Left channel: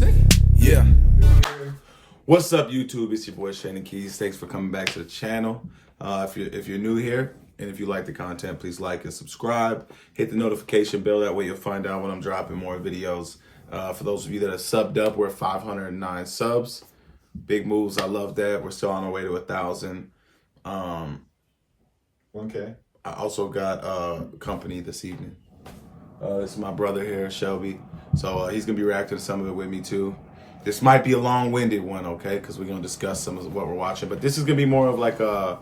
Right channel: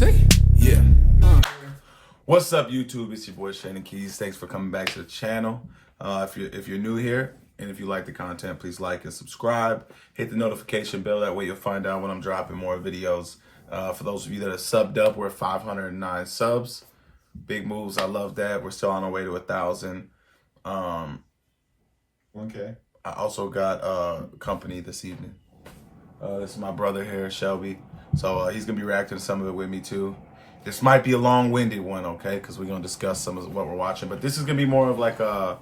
say? Yeah. What's up, YouTube? It's your boy Shannon Keys. Thanks for coming back to the channel. If you're new here and if you like the content, please like and subscribe. Hit the notification bell. That way you'll find out when I'm dropping more videos. For those of you that are subbed up, we're 509 subs. Big moves. I love that. We're still on our way to 1,000. 1K. I also got company this evening. This is my brother here, Shelby. So he's going to be reacting to some of it with me too. This might be a long-winded one, okay? Because we're going to discuss some of what we're watching. But this is going to be more of like a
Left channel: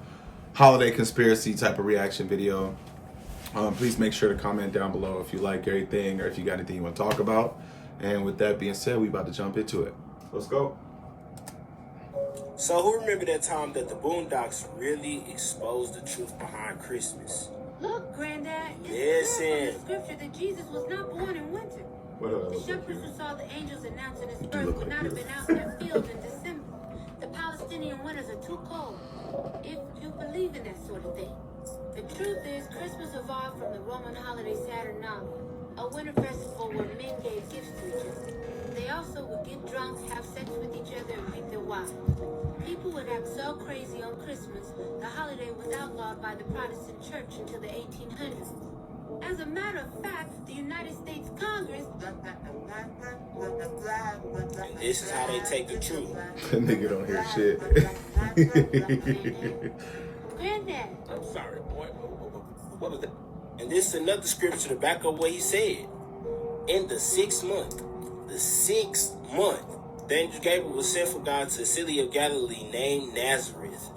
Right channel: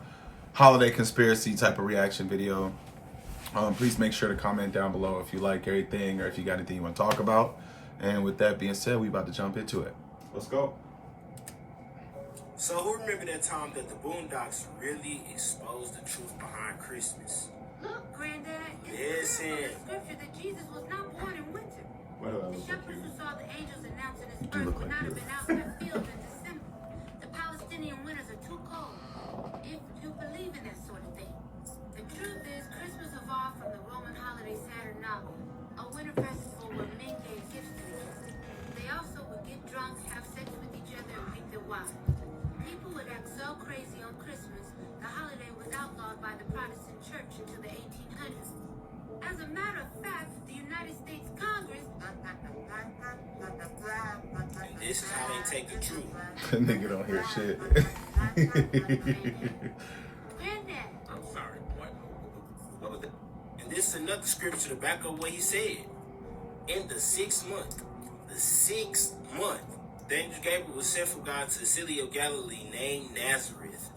holiday conspiracy type of reaction video. Please make sure to comment down below if you like everything or if you got anything you want to talk about. And with that being said, we about to jump into it. Let's go. So who remember that time that the Boondocks really exposed the truth behind Christmas? Look, Granddad, Yes, it's clear Sam. from the scripture that Jesus was not born in winter. What do I The look like shepherds here? who saw the angels announcing his do birth look would like not have you. been out in their fields in December. The Palestinian winters are too cold, if you believe in that sort of thing. The truth is, Christmas evolved from the Roman holiday Saturnalia, a winter festival where men gave gifts to each other. They also would get drunk, have sex with each other, and beat their wives. People would act so crazy on Christmas, the holiday was outlawed by the Protestant church until the 1800s. As a matter of fact, the United States Congress... And this is how they take the truth. Nigga don't hear shit. Granddad, I'm sorry, boy. What was that? And this is another scripture to back up what he said. In the 6th month, the angel Gabriel was sent from God to a city of Galilee named Nazareth,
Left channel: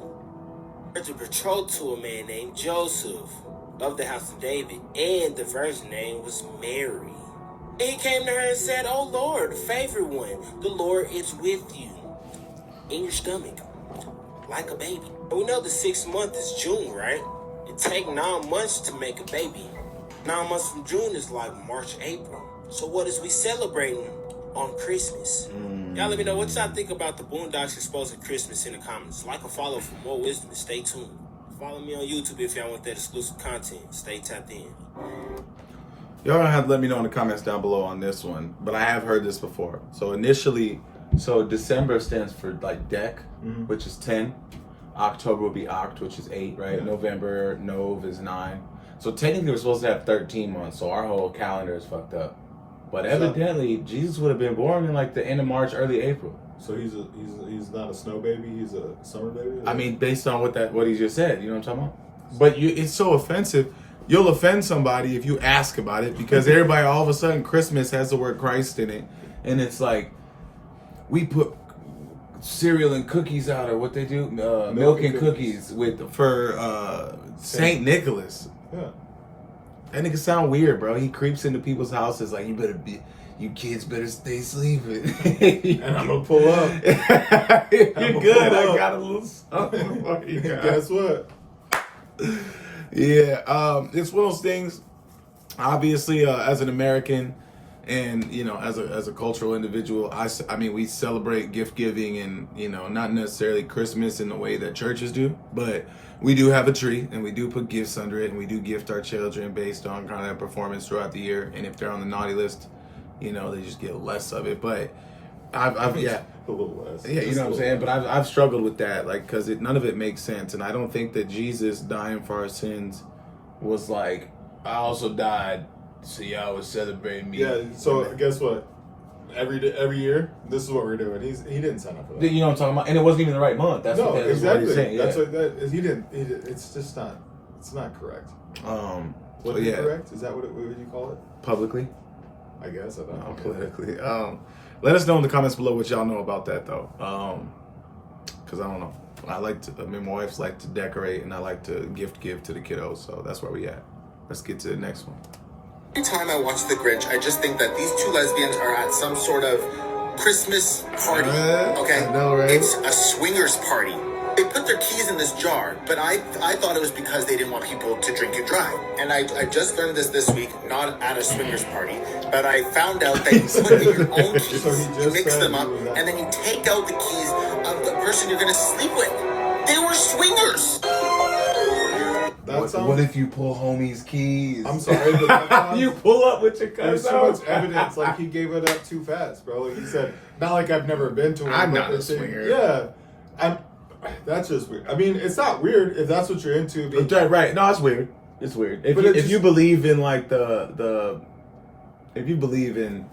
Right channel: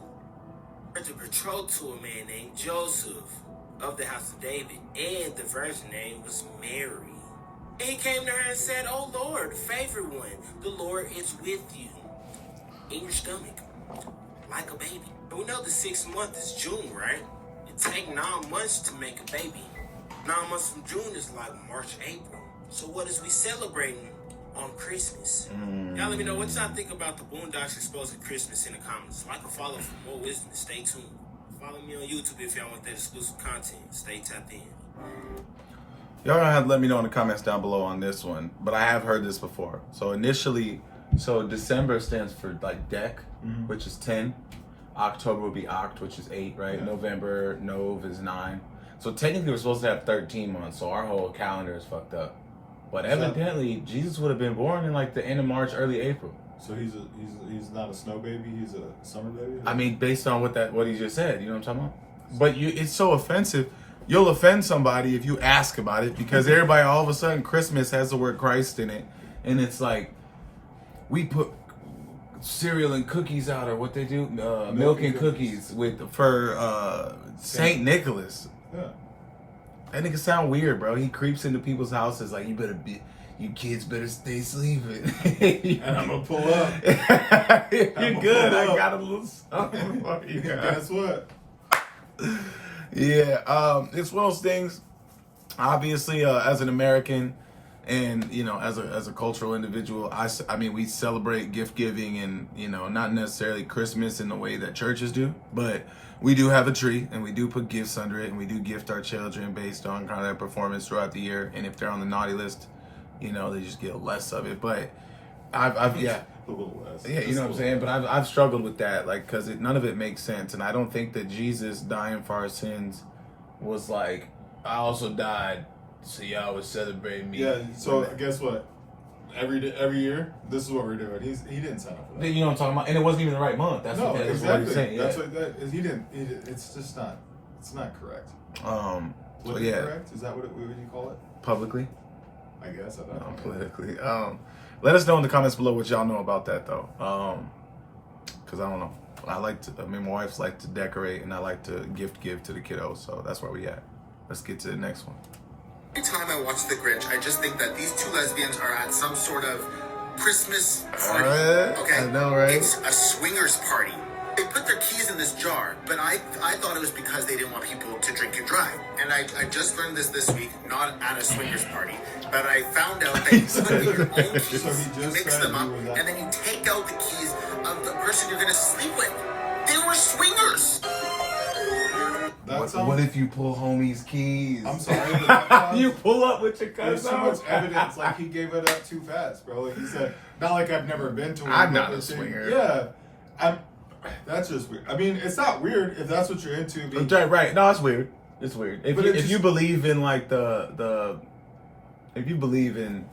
to betrothed to a man named Joseph of the house of David, and the virgin name was Mary. And he came to her and said, "O Lord, favored one, the Lord is with you, in your stomach, like a baby." And we know the 6th month is June, right? It takes 9 months to make a baby. 9 months from June is like March, April. So what is we celebrating on Christmas? Y'all let me know what y'all think about the Boondocks exposing Christmas in the comments. Like and follow for more wisdom. Stay tuned. Follow me on YouTube if y'all want that exclusive content. Stay tapped in. Y'all gonna have to let me know in the comments down below on this one. But I have heard this before. So initially, December stands for like Dec, which is 10. October will be Oct, which is 8, right? Yeah. November, Nov is 9. So technically we're supposed to have 13 months. So our whole calendar is fucked up. But evidently, Jesus would have been born in like the end of March, early April. So he's not a snow baby. He's a summer baby. I mean, based on what he just said, you know what I'm talking about? But it's so offensive. You'll offend somebody if you ask about it because everybody all of a sudden Christmas has the word Christ in it, and it's like we put cereal and cookies out, or what they do, milk and cookies for Saint Nicholas. Yeah. That nigga sound weird, bro. He creeps into people's houses like, you kids better stay sleeping. And I'm gonna pull up. You're good. I got a little something for you. Guess what? Yeah, it's one of those things. Obviously, as an American, and as a cultural individual, I mean, we celebrate gift giving, and not necessarily Christmas in the way that churches do, but we do have a tree, and we do put gifts under it, and we do gift our children based on kind of their performance throughout the year. And if they're on the naughty list, they just get less of it. But I've A little less. yeah, you know what I'm saying? But I've struggled with that, like, because none of it makes sense. And I don't think that Jesus dying for our sins was like, I also died, so y'all would celebrate me. Yeah. So guess what? Every year, this is what we're doing. He didn't sign up for that. You know what I'm talking about? And it wasn't even the right month. That's No, what exactly. he's saying. Yeah. That's what that is. He didn't. It's just not. It's not correct. But yeah, Correct? Is that what would you call it? publicly, I guess I don't know. politically. Let us know in the comments below what y'all know about that, though. Because I don't know. My wife likes to decorate, and I like to give to the kiddos. So that's where we at. Let's get to the next one. Every time I watch The Grinch, I just think that these two lesbians are at some sort of Christmas party. Okay, I know, right? It's a swingers party. They put their keys in this jar, but I thought it was because they didn't want people to drink and drive. And I just learned this week, not at a swingers party, but I found out that you put in your own keys, So he you just mix said them he up, was at- and then you take out the keys of the person you're going to sleep with. They were swingers. What if you pull homie's keys? I'm sorry, but that sounds, you pull up with your there's cousin. too much evidence. Like, he gave it up too fast, bro. Like he said, not like I've never been to one. I'm but not a they're saying- swinger. Yeah, that's just weird. I mean, it's not weird if that's what you're into. Right? No, it's weird. It's weird. If you believe in like if you believe in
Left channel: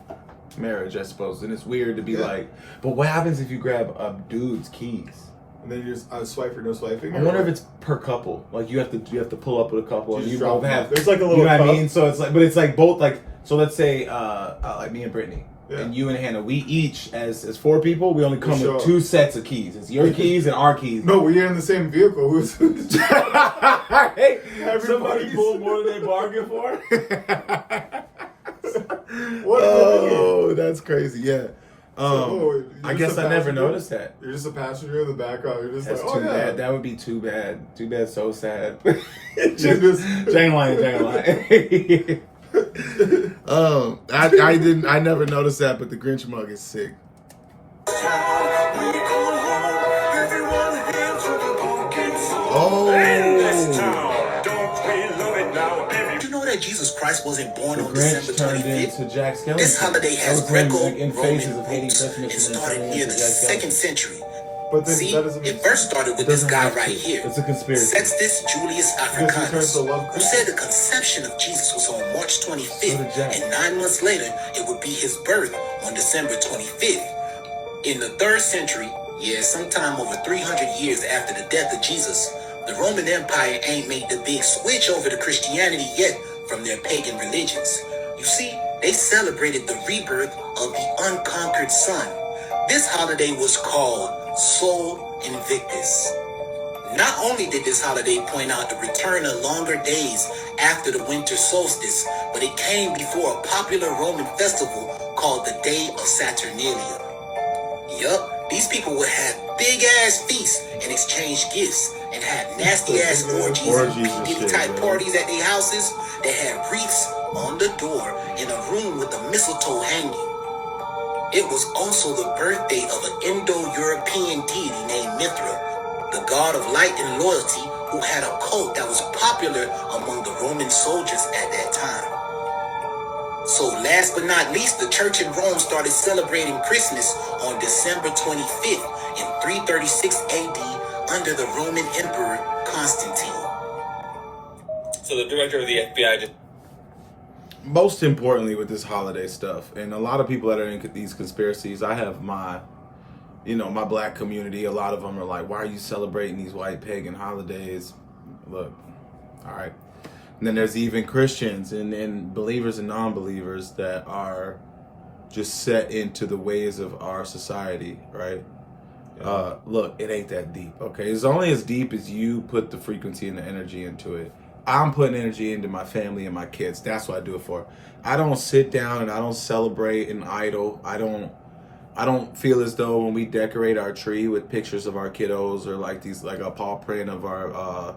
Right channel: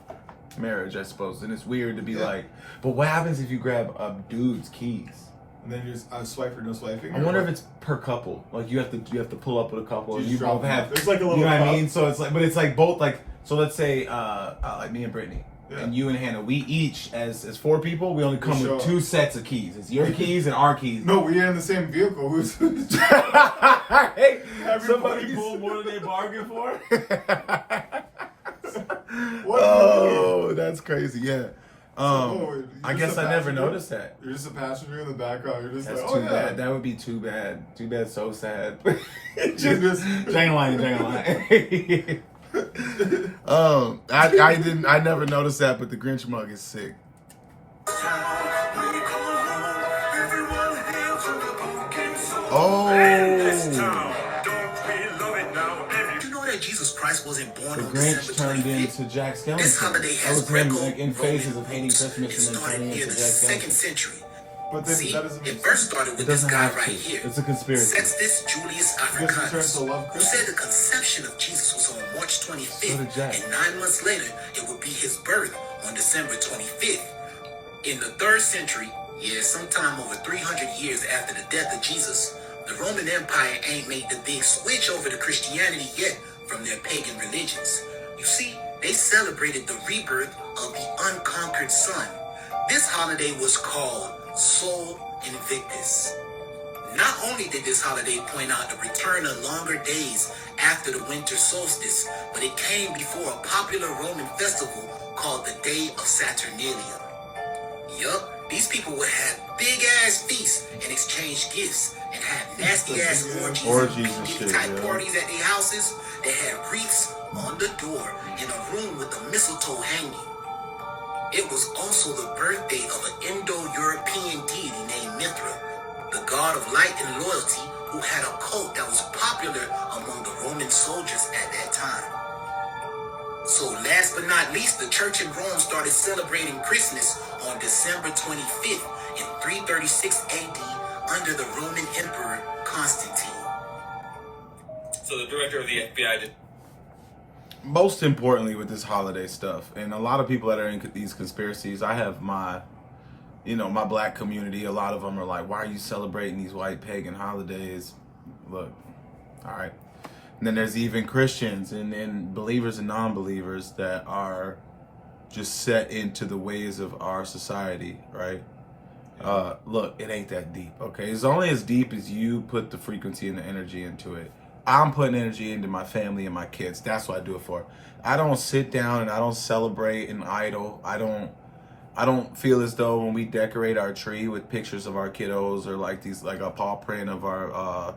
marriage, I suppose, then it's weird to be like. But what happens if you grab a dude's keys? And then you just swipe or no swiping. I wonder if it's per couple. Like you have to pull up with a couple, and just you drop both them have. off. There's like a little. You know what I cup. mean? So it's like, but it's like both like. So let's say like me and Brittany. Yeah. And you and Hannah, we each, as 4 people, we only come show with up. 2 sets of keys. It's your keys and our keys. No, we are in the same vehicle. Hey, Everybody's- somebody pulled more than they bargained for. What? Oh, that's crazy. Yeah. you're I just guess a I never passenger? noticed that. You're just a passenger in the background. You're just That's like, too oh yeah. bad. That would be too bad. Too bad. So sad. just- Jane line. I never noticed that, but the Grinch mug is sick. Oh, You know that Jesus Christ wasn't born the on Grinch December turned 25th? into Jack Skellington. This holiday That has was him Greco like, in Faces of Roman Hating roots. Christmas It and then started turning near into the Jack 2nd Skellington. century. But then See, that doesn't make it first sense. started with It this doesn't guy have to. right here. It's a conspiracy. Sextus Julius Because he turns Africanus, to love who Christmas. said the conception of Jesus was on March So 25th, did Jack. and 9 months later, it would be his birth on December 25th. In the 3rd century, sometime over 300 years after the death of Jesus, the Roman Empire ain't made the big switch over to Christianity yet from their pagan religions. You see, they celebrated the rebirth of the unconquered sun. This holiday was called Sol Invictus. Not only did this holiday point out the return of longer days after the winter solstice, but it came before a popular Roman festival called the Day of Saturnalia. Yup, these people would have big ass feasts and exchange gifts and had nasty ass orgies and and P. shit, type yeah. parties at their houses. They had wreaths on the door in a room with a mistletoe hanging. It was also the birthday of an Indo-European deity named Mithra, the god of light and loyalty, who had a cult that was popular among the Roman soldiers at that time. So last but not least, the church in Rome started celebrating Christmas on December 25th in 336 AD under the Roman Emperor Constantine. So the director of the FBI just Most importantly with this holiday stuff, and a lot of people that are in these conspiracies, I have my black community, a lot of them are like, why are you celebrating these white pagan holidays? Look, all right. And then there's even Christians and believers and non-believers that are just set into the ways of our society, right? Look, it ain't that deep, okay? It's only as deep as you put the frequency and the energy into it. I'm putting energy into my family and my kids. That's what I do it for. I don't sit down and I don't celebrate and idle. I don't feel as though when we decorate our tree with pictures of our kiddos or like a paw print of our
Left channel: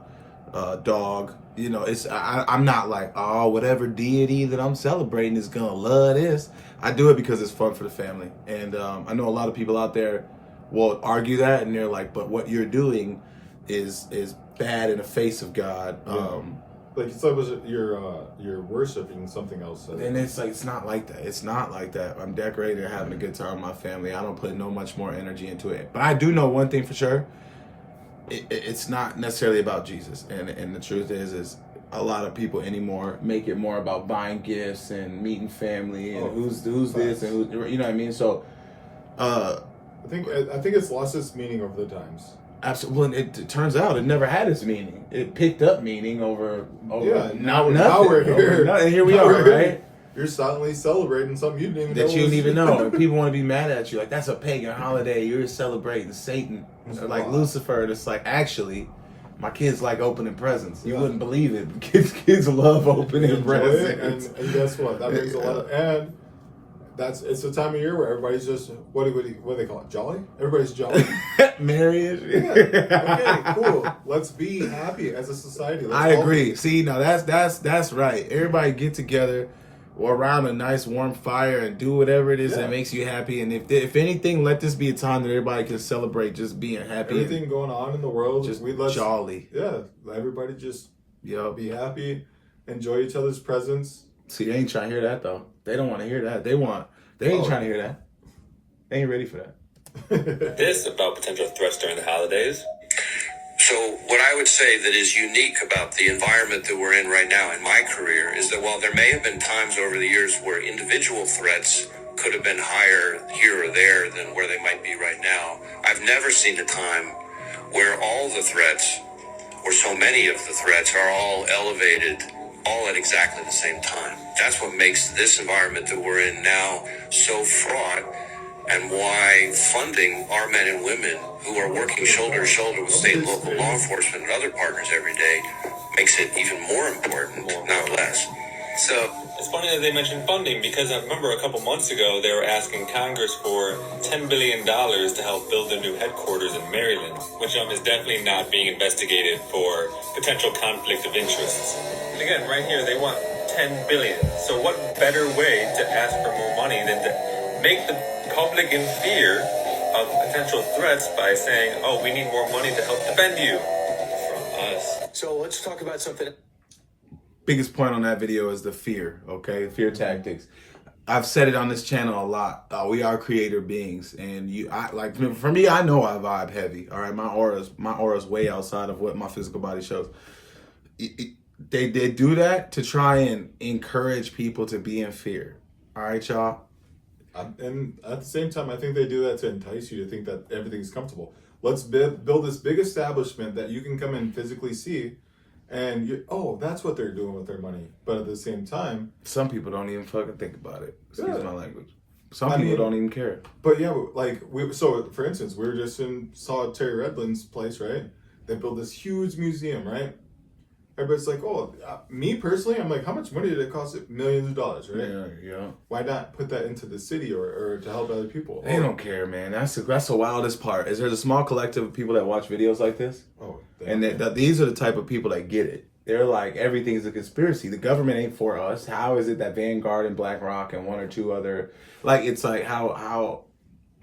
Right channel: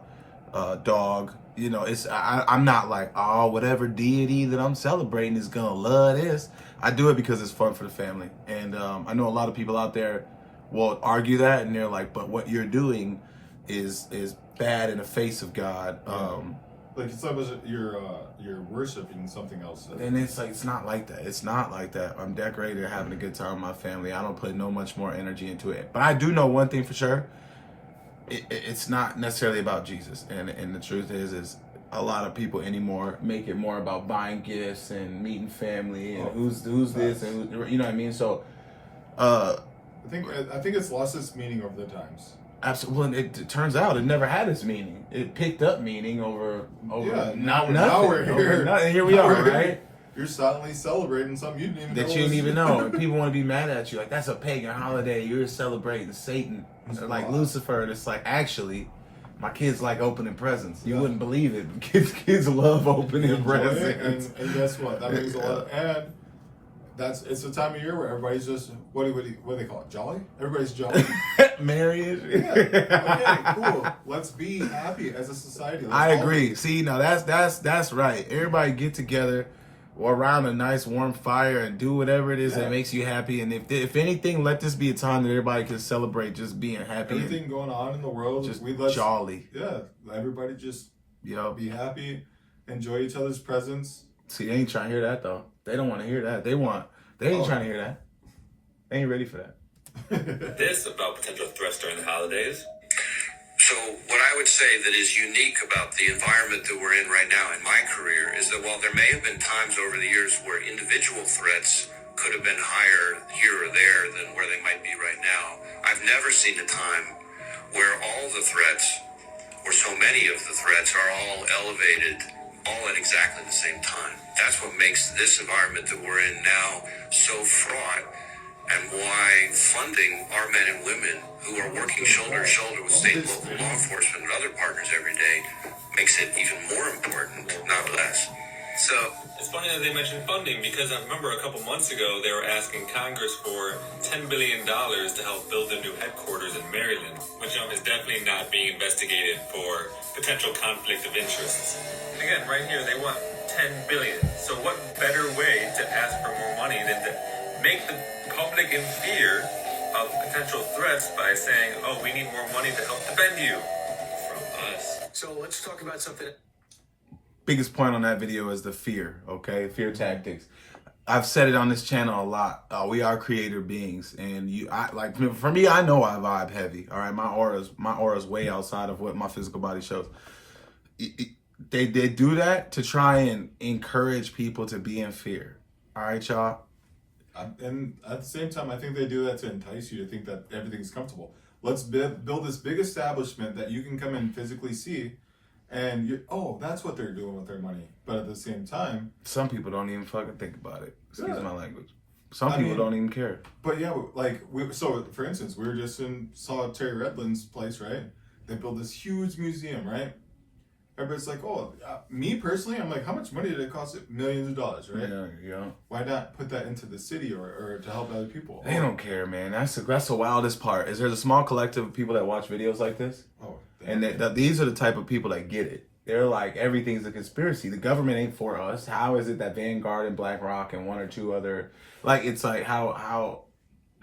dog, I'm not like, oh, whatever deity that I'm celebrating is gonna love this. I do it because it's fun for the family. And I know a lot of people out there will argue that, and they're like, but what you're doing is bad in the face of God. Like it's like you're worshiping something else. And it's like, it's not like that. It's not like that. I'm decorating and having a good time with my family. I don't put no much more energy into it. But I do know one thing for sure. It's not necessarily about Jesus. And the truth is a lot of people anymore make it more about buying gifts and meeting family and who's this and who, you know what I mean? So I think it's lost its meaning over the times. absolutely. Well, it turns out it never had its meaning. It picked up meaning over Now nothing. we're here. And here we are, right? You're silently celebrating something you didn't even know. That you didn't was- even know. And people want to be mad at you. Like, that's a pagan holiday. You're celebrating Satan. Or like Lucifer. And it's like, actually, my kids like opening presents. You wouldn't believe it. Kids love opening Enjoy it, presents. and guess what? That brings a lot of and it's the time of year where everybody's just what do they call it? Jolly? Everybody's jolly. Marriage. Yeah. Okay, cool. Let's be happy as a society. Let's I all agree. See, now that's right. Everybody get together or around a nice warm fire and do whatever it is that makes you happy. And if anything, let this be a time that everybody can celebrate just being happy. Everything going on in the world, just let's jolly. Yeah, everybody just Yo. Be happy. Enjoy each other's presence. See, they ain't trying to hear that though. They don't want to hear that. They ain't trying to hear that. They ain't ready for that. This about potential threats during the holidays. So what I would say that is unique about the environment that we're in right now in my career is that while there may have been times over the years where individual threats could have been higher here or there than where they might be right now, I've never seen a time where all the threats, or so many of the threats, are all elevated all at exactly the same time. That's what makes this environment that we're in now so fraught, and why funding our men and women who are working shoulder to shoulder with state and local law enforcement and other partners every day makes it even more important, not less. So it's funny that they mentioned funding, because I remember a couple months ago they were asking Congress for $10 billion to help build a new headquarters in Maryland, which is definitely not being investigated for potential conflict of interests. Again, right here they want $10 billion. So what better way to ask for more money than to make the public in fear of potential threats by saying, oh, we need more money to help defend you from us. So let's talk about something. Biggest point on that video is the fear, okay? Fear tactics. I've said it on this channel a lot. We are creator beings, and for me, I know I vibe heavy. All right, my aura's way outside of what my physical body shows. They do that to try and encourage people to be in fear. All right, y'all. And at the same time, I think they do that to entice you to think that everything's comfortable. Let's build this big establishment that you can come and physically see, and that's what they're doing with their money. But at the same time, some people don't even fucking think about it. Excuse my language. Some people don't even care. But yeah, so for instance, we were just saw Terry Redland's place, right? They built this huge museum, right? Everybody's like, me personally, I'm like, how much money did it cost? Millions of dollars, right? Yeah. Why not put that into the city or to help other people? They don't care, man. That's the wildest part. Is there's a small collective of people that watch videos like this, and these are the type of people that get it. They're like, everything's a conspiracy. The government ain't for us. How is it that Vanguard and BlackRock and one or two other, it's like how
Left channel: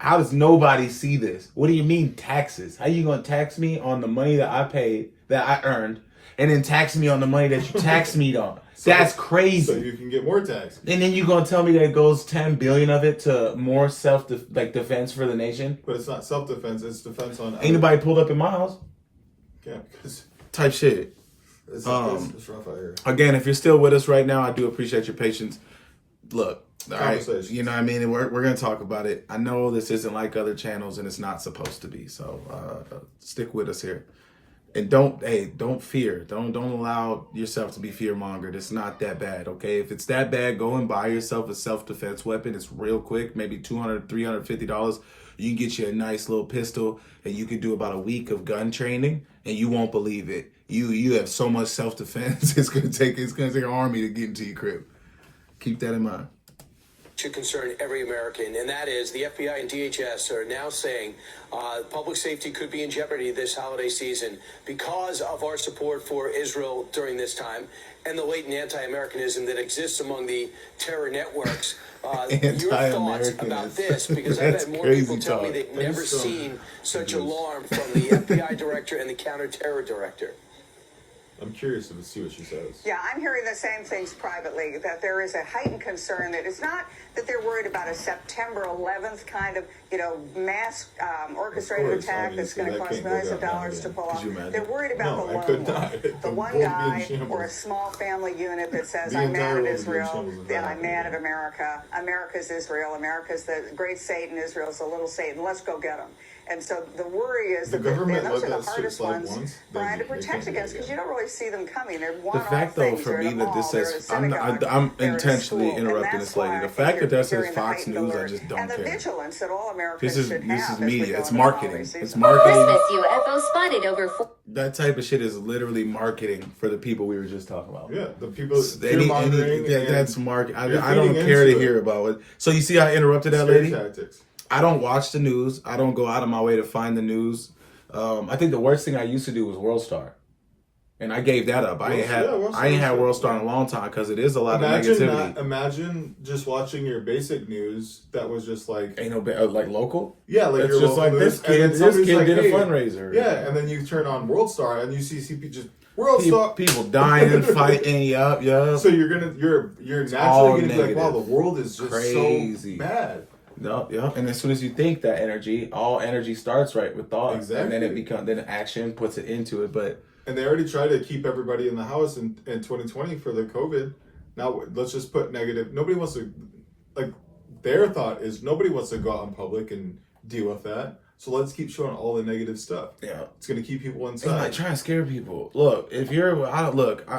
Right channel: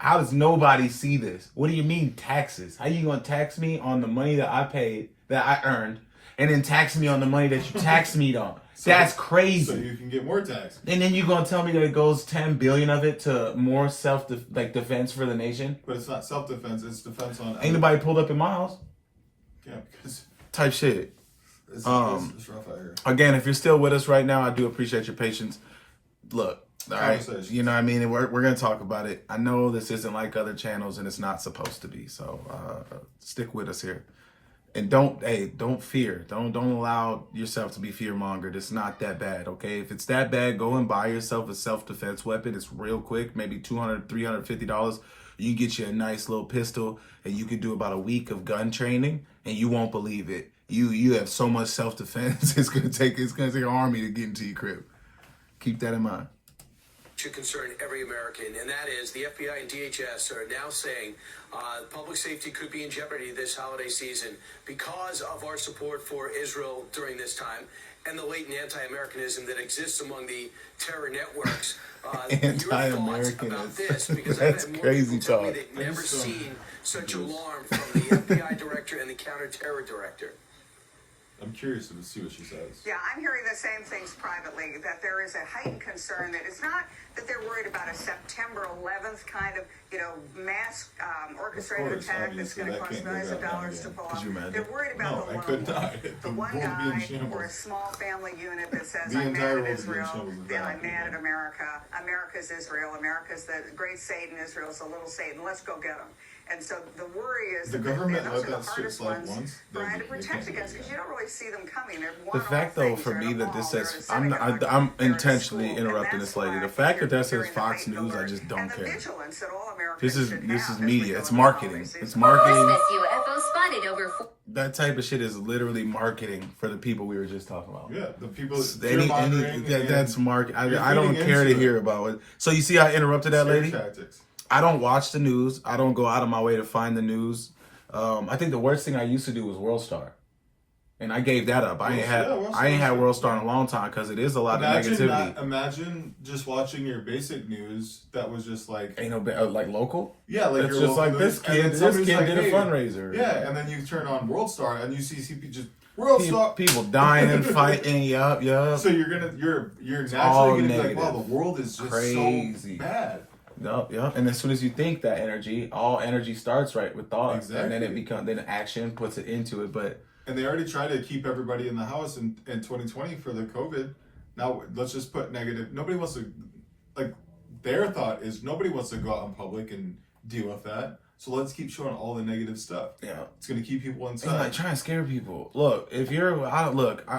does nobody see this? What do you mean taxes? How you gonna tax me on the money that I paid, that I earned, and then tax me on the money that you taxed me on? That's crazy. So you can get more tax. And then you gonna tell me that it goes 10 billion of it to more defense for the nation? But it's not self-defense, it's defense on... Ain't nobody pulled up in my house? Yeah, because... Type shit. It's rough out here. Again, if you're still with us right now, I do appreciate your patience. Look, all right, you know what I mean? And we're going to talk about it. I know this isn't like other channels, and it's not supposed to be. So stick with us here. And don't fear. Don't allow yourself to be fear-mongered. It's not that bad, okay? If it's that bad, go and buy yourself a self-defense weapon. It's real quick, maybe $200, $350. You can get you a nice little pistol, and you can do about a week of gun training, and you won't believe it. You have so much self-defense, it's gonna take an army to get into your crib. Keep that in mind. To concern every American, and that is the FBI and DHS are now saying public safety could be in jeopardy this holiday season because of our support for Israel during this time and the latent anti-Americanism that exists among the terror networks. Your thoughts about this? Because I've had more people tell me they've never seen such alarm from the FBI director and the counter-terror director. I'm curious to see what she says. Yeah, I'm hearing the same things privately, that there is a heightened concern that it's not that they're worried about a September 11th kind of, mass orchestrated attack that's going to cost millions of dollars to pull off. They're worried about the lone wolf. The one guy or a small family unit that says, I'm mad at Israel, then I'm mad at America. America's Israel. America's the great Satan. Israel's the little Satan. Let's go get them. And so the worry is the that government those let are that the shit hardest slide ones once. to protect against, because you don't really see them coming. They're the fact, though, for me that this says, I'm intentionally interrupting this lady. The fact that says Fox News, I just don't care. This is media. It's marketing. It's marketing. UFO spotted over. That type of shit is literally marketing for the people we were just talking about. Yeah, the people. That's market. I don't care to hear about it. So you see how I interrupted that lady? Tactics. I don't watch the news. I don't go out of my way to find the news. I think the worst thing I used to do was World Star, and I gave that up. I ain't had World Star in a long time because it is a lot of negativity. Imagine just watching your basic news that was just like ain't no like local. Yeah, like it's just like news, this kid did a fundraiser. Yeah, and then you turn on World Star and you see just World stop. People dying and fighting. Yup. So you're naturally gonna be like, wow, the world is just crazy, so bad. Yup. And as soon as you think that energy, all energy starts right with thought, Exactly. and then action puts it into it. But they already tried to keep everybody in the house in 2020 for the COVID. Now let's just put negative. Nobody wants to, like, their thought is nobody wants to go out in public and deal with that. So let's keep showing all the negative stuff. Yeah, it's gonna keep people inside. It's like trying to scare people. Look, if you're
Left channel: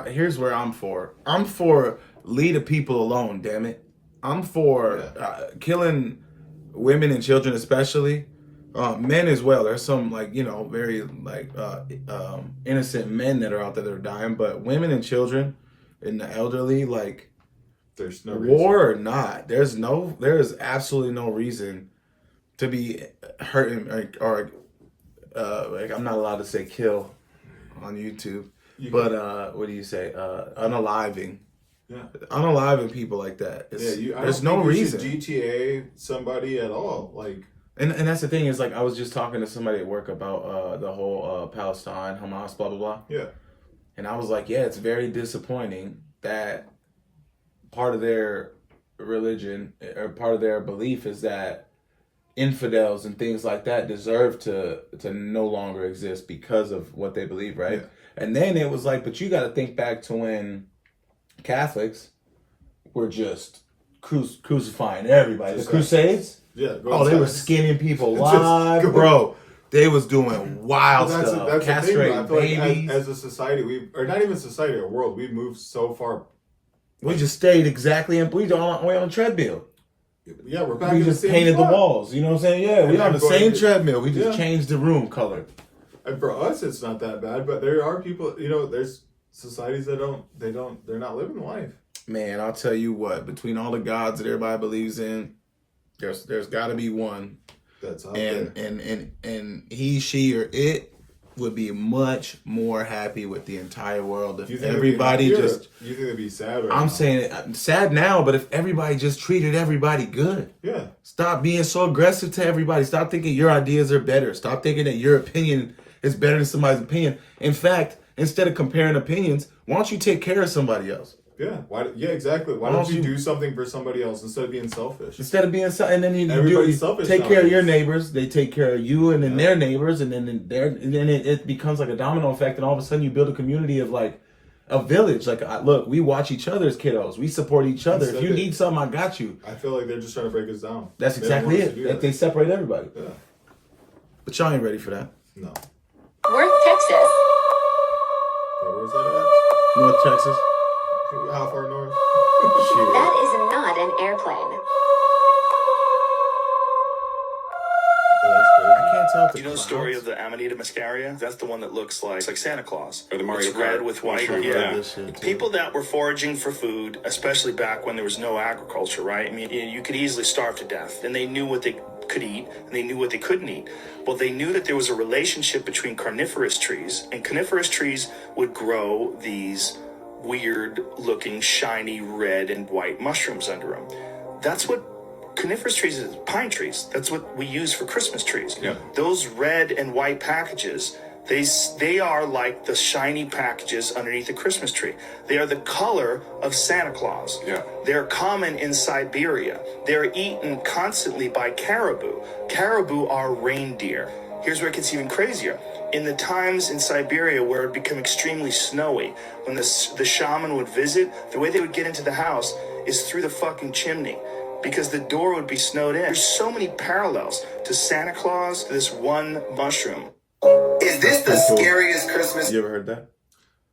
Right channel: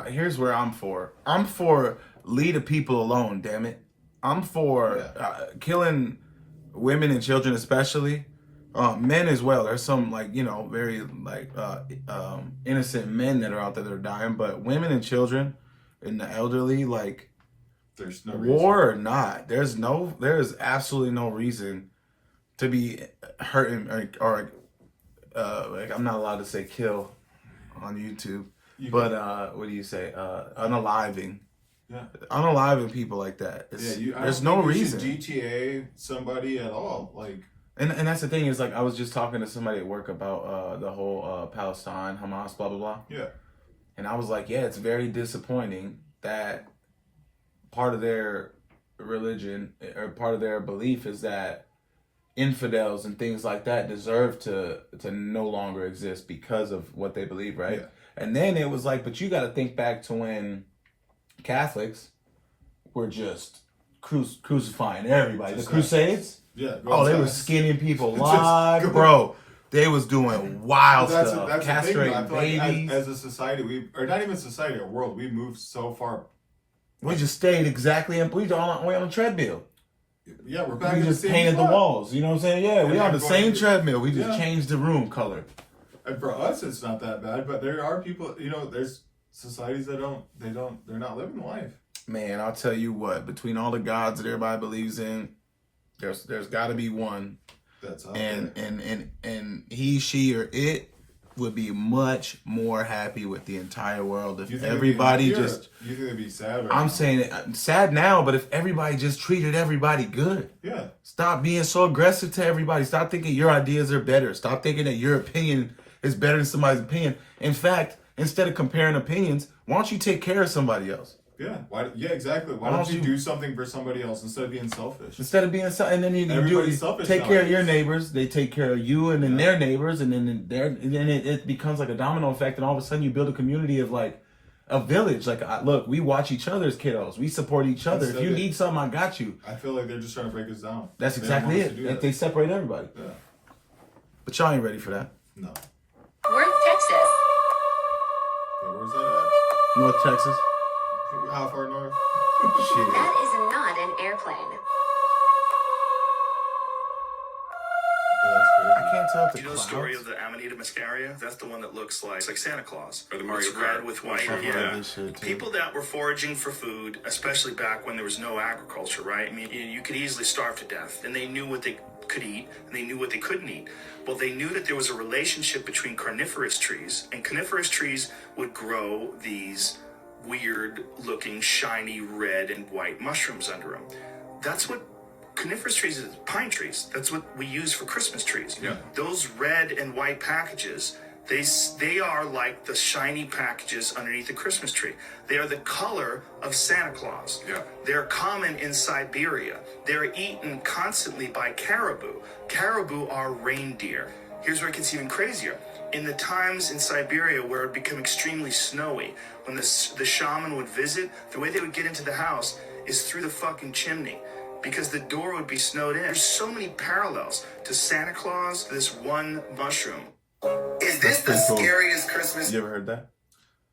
here's where I'm for. I'm for leave the people alone. Damn it. I'm for killing women and children, especially men as well. There's some very innocent men that are out there that are dying, but women and children and the elderly, there's no war or not. There is absolutely no reason to be hurting or I'm not allowed to say kill on YouTube, but what do you say? Unaliving. Yeah, unaliving people like that. There's no reason. GTA somebody at all, and that's the thing is I was just talking to somebody at work about the whole Palestine, Hamas, blah blah blah. Yeah, and I was like, yeah, it's very disappointing that part of their religion or part of their belief is that infidels and things like that deserve to no longer exist because of what they believe, right? Yeah. And then it was but you got to think back to when Catholics were just crucifying everybody. The Crusades? Yeah. They were skinning people alive, bro. They was doing wild stuff. That's castrating babies. As a society, or not even society, a world, we've moved so far. We just stayed exactly, and we on a treadmill. Yeah, we're back. We just painted the walls. You know what I'm saying? Yeah, we on the same treadmill. We just changed the room color. And for us, it's not that bad. But there are people. There's societies that they're not living life. Man, I'll tell you what. Between all the gods that everybody believes in, there's got to be one that's out there. And he, she, or it would be much more happy with the entire world if everybody just. You think they'd be sad? I'm saying sad now, but if everybody just treated everybody good. Yeah. Stop being so aggressive to everybody. Stop thinking your ideas are better. Stop thinking that your opinion is better than somebody's opinion. In fact, instead of comparing opinions, why don't you take care of somebody else? Yeah. Exactly. Why don't you do something for somebody else instead of being selfish? And then everybody's selfish. Take care of your neighbors. They take care of you, and then their neighbors, and then it becomes like a domino effect, and all of a sudden you build a community of a village. Look, we watch each other's kiddos. We support each other. If you need something, I got you. I feel like they're just trying to break us down. That's exactly it. They separate everybody. Yeah. But y'all ain't ready for that. No. Worth, Texas. Where's that at? North Texas. How far north? That is not an airplane. I can't tell. Do you know the story of the Amanita muscaria? That's the one that looks like Santa Claus. Or the Mario It's red with white. Yeah. People that were foraging for food, especially back when there was no agriculture, right? I mean, you could easily starve to death. And they knew what they could eat, and they knew what they couldn't eat. Well, they knew that there was a relationship between carnivorous trees, and carnivorous trees would grow these weird-looking, shiny red and white mushrooms under them. That's what coniferous trees is, pine trees. That's what we use for Christmas trees. Yeah. Those red and white packages, they are like the shiny packages underneath the Christmas tree. They are the color of Santa Claus. Yeah. They're common in Siberia. They're eaten constantly by caribou. Caribou are reindeer. Here's where it gets even crazier. In the times in Siberia where it became extremely snowy, when the shaman would visit, the way they would get into the house is through the fucking chimney, because the door would be snowed in. There's so many parallels to Santa Claus, to this one mushroom. Is this the scariest Christmas? You ever heard that?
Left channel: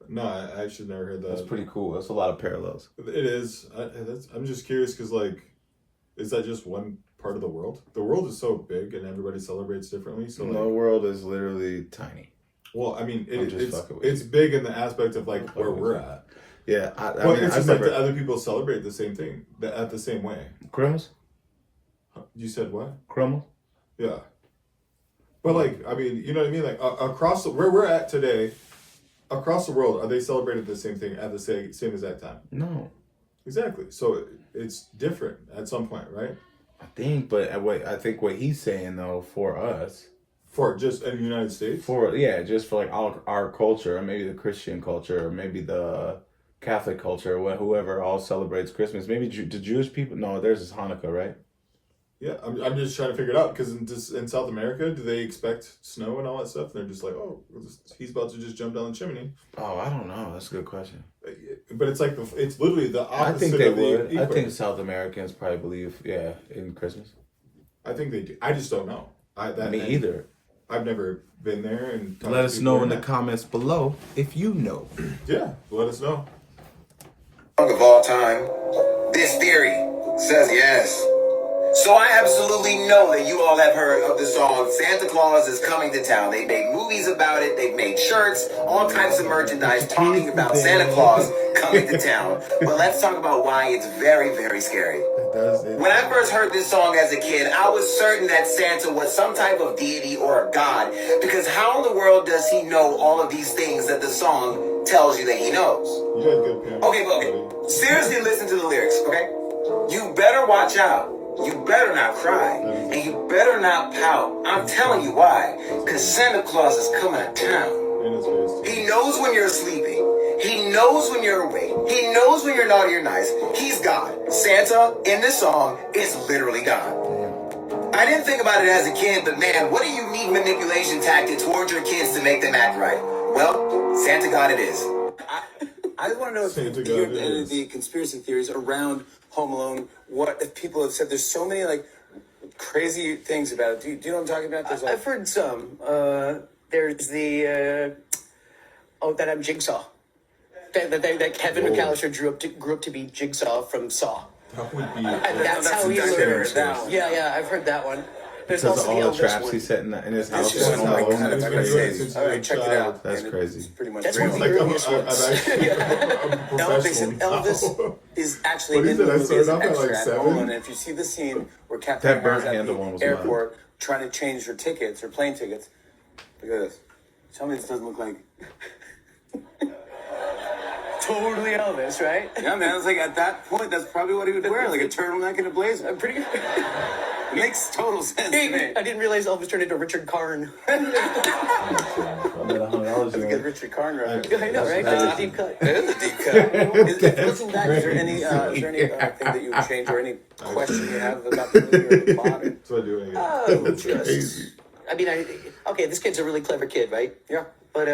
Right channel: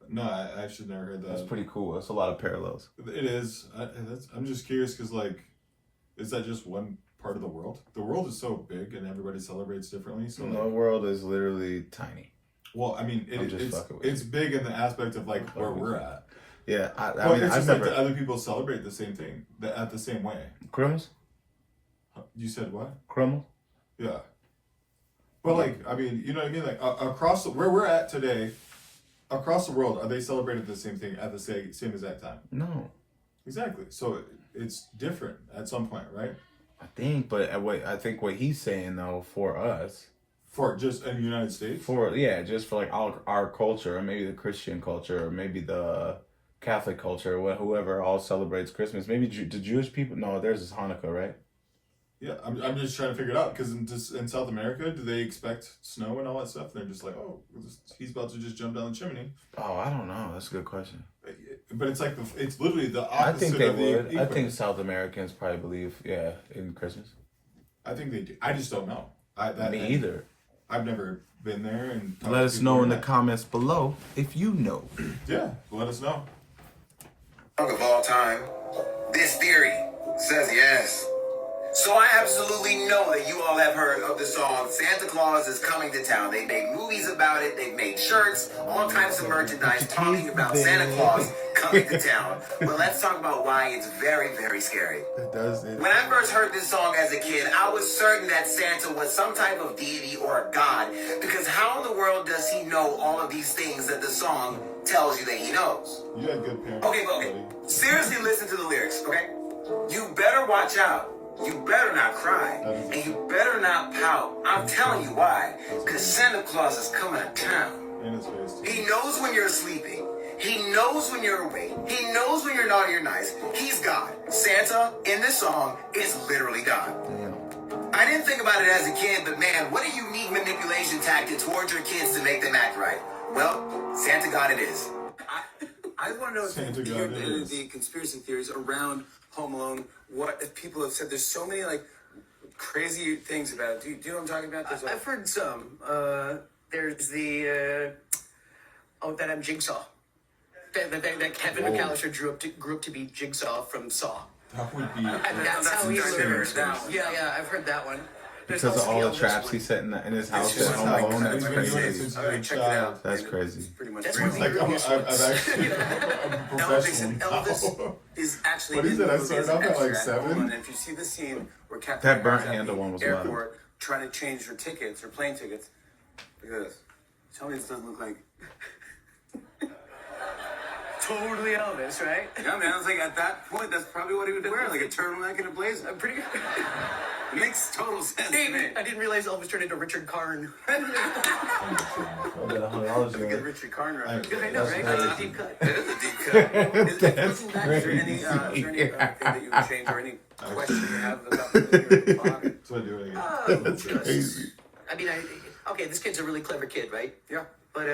No, I actually never heard that. That's pretty cool. That's a lot of parallels. It is. I'm just curious because, is that just one part of the world? The world is so big and everybody celebrates differently. So the world is literally tiny. Well, I mean, it's big in the aspect of where we're at. Yeah, but it's just that other people celebrate the same thing at the same way. Criminals? You said what? Criminals? Yeah. But you know what I mean? Across where we're at today, across the world, are they celebrating the same thing at the same exact time? No. Exactly. So it's different at some point, right? I think what he's saying though, for us, For just in the United States? Just for like our culture, and maybe the Christian culture, or maybe the Catholic culture, or whoever all celebrates Christmas. Maybe the Jewish people. No, theirs is Hanukkah, right? Yeah, I'm just trying to figure it out, because in South America, do they expect snow and all that stuff? They're just like, oh, he's about to just jump down the chimney. Oh, I don't know. That's a good question. But it's like it's literally the opposite. I think they of would. the I think South Americans probably believe, in Christmas. I think they do. I just don't know. Me either. I've never been there. And let us know in the comments below if you know. Yeah, let us know. Of all time, this theory says yes. So I absolutely know that you all have heard of the song Santa Claus is Coming to Town. They made movies about it. They've made shirts, all types of merchandise talking about Santa Claus coming to town. But let's talk about why it's very, very scary. When I first heard this song as a kid, I was certain that Santa was some type of deity or a god, because how in the world does he know all of these things that the song tells you that he knows? You had good parents. Okay. Seriously, listen to the lyrics, okay? You better watch out. You better not cry, and you better not pout. I'm telling you why. Because Santa Claus is coming to town. He knows when you're sleeping. He knows when you're awake. He knows when you're naughty or nice. He's God. Santa, in this song, is literally God. I didn't think about it as a kid, but man, what a unique manipulation tactic towards your kids to make them act right. Well, Santa God it is. I want to know if the conspiracy theories around Home Alone, what people have said. There's so many like crazy things about it. Do you know what I'm talking about? I've heard some. There's the that I'm Jigsaw. That Kevin McAllister grew up to be Jigsaw from Saw. That would be. That's how he learned. Yeah, I've heard that one. Because of all the traps he set in his house. That's crazy. That's one of the earliest ones. Elvis is actually what is it? I started off at like 7. And if you see the scene where Captain that burnt America's handle at one was the airport trying to change her tickets, her plane tickets, look at this. Tell me this doesn't look like totally Elvis, right? Yeah, man. It's like at that point, that's probably what he would wear, like a turtleneck and a blazer. Pretty. It makes total sense to me. I didn't realize Elvis turned into Richard Karn. That's a good Richard Karn reference. I know, right? Deep cut. It is a deep cut. Looking back, is there any thing that you would change or any question you have about the movie or the plot? So I do it. That's crazy. I mean, okay, this kid's a really clever kid, right? Yeah. But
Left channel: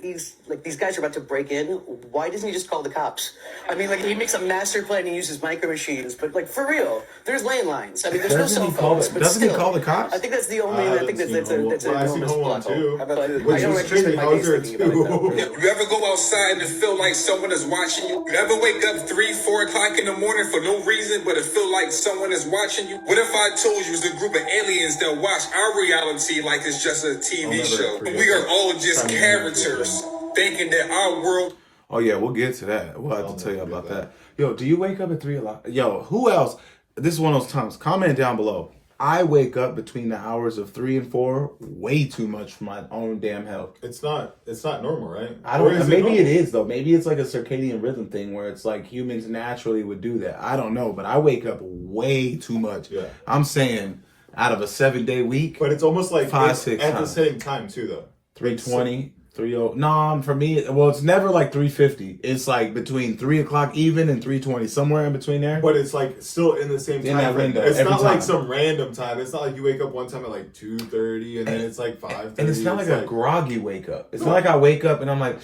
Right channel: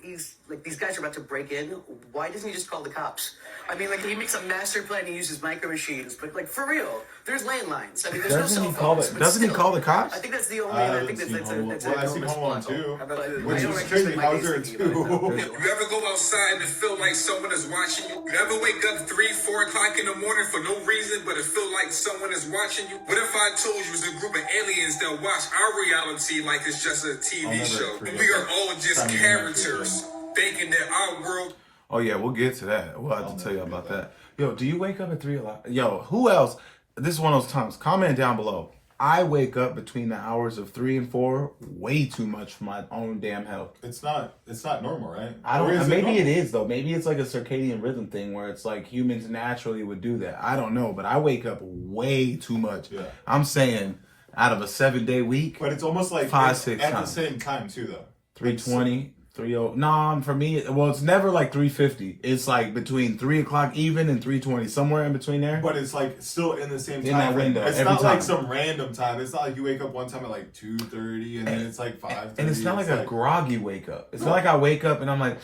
these guys are about to break in. Why doesn't he just call the cops? I mean, like he makes a master plan and uses micro machines, but like for real, there's landlines. I mean, there's no cell phones. Doesn't he call the cops? I think that's the only. I think that's I've seen Home Alone 2. Which is crazy. How's there 2? You ever go outside and feel like someone is watching you? You ever wake up 3-4 o'clock in the morning for no reason, but it feel like someone is watching you? What if I told you it was a group of aliens that watch our reality like it's just a TV show? We are all just characters thinking that our world. Oh yeah, we'll get to that. We'll have to tell you about that. Yo, do you wake up at 3 o'clock? Yo, who else? This is one of those times. Comment down below. I wake up between the hours of 3 and 4 way too much for my own damn health. It's not normal, right? I don't. Maybe it is though. Maybe it's like a circadian rhythm thing where it's like humans naturally would do that. I don't know, but I wake up way too much. Yeah. I'm saying out of a 7-day week. But it's almost like 5-6 at times. the same time too, though. 3:20. 3:00. No, for me, well, it's never like 3:50. It's like between 3 o'clock even and 3:20, somewhere in between there. But it's like still in the same time. In that window. It's every not time. like some random time. It's not like you wake up one time at like 2:30 and then it's like 5:30. And it's not like a groggy wake up. It's not like I wake up and I'm like,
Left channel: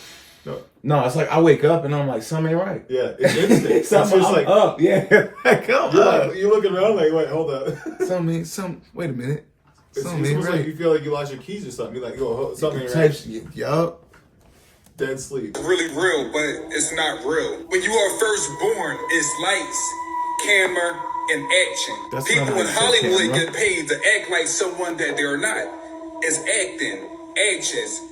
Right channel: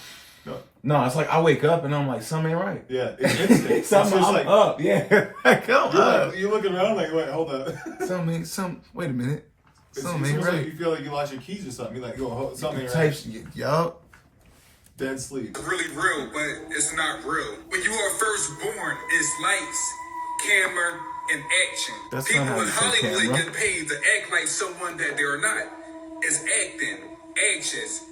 no, it's like I wake up and I'm like, something ain't right. Yeah, it's instinct. Something, I'm like up. Yeah, like, I'm up. You're looking around like, wait, hold up. Wait a minute. It's almost like you feel like you lost your keys or something. You're like, yo, something ain't right. Yup. Dead sleep. Really real, but it's not real. When you are first born, it's lights, camera, and action. That's People in Hollywood get paid to act like someone that they're not. It's acting, actions,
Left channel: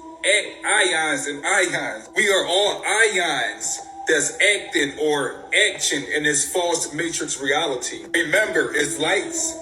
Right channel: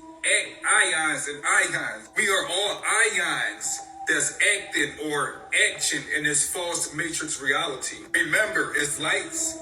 ions, and ions. We are all ions that's acting or action in this false matrix reality. Remember, it's lights,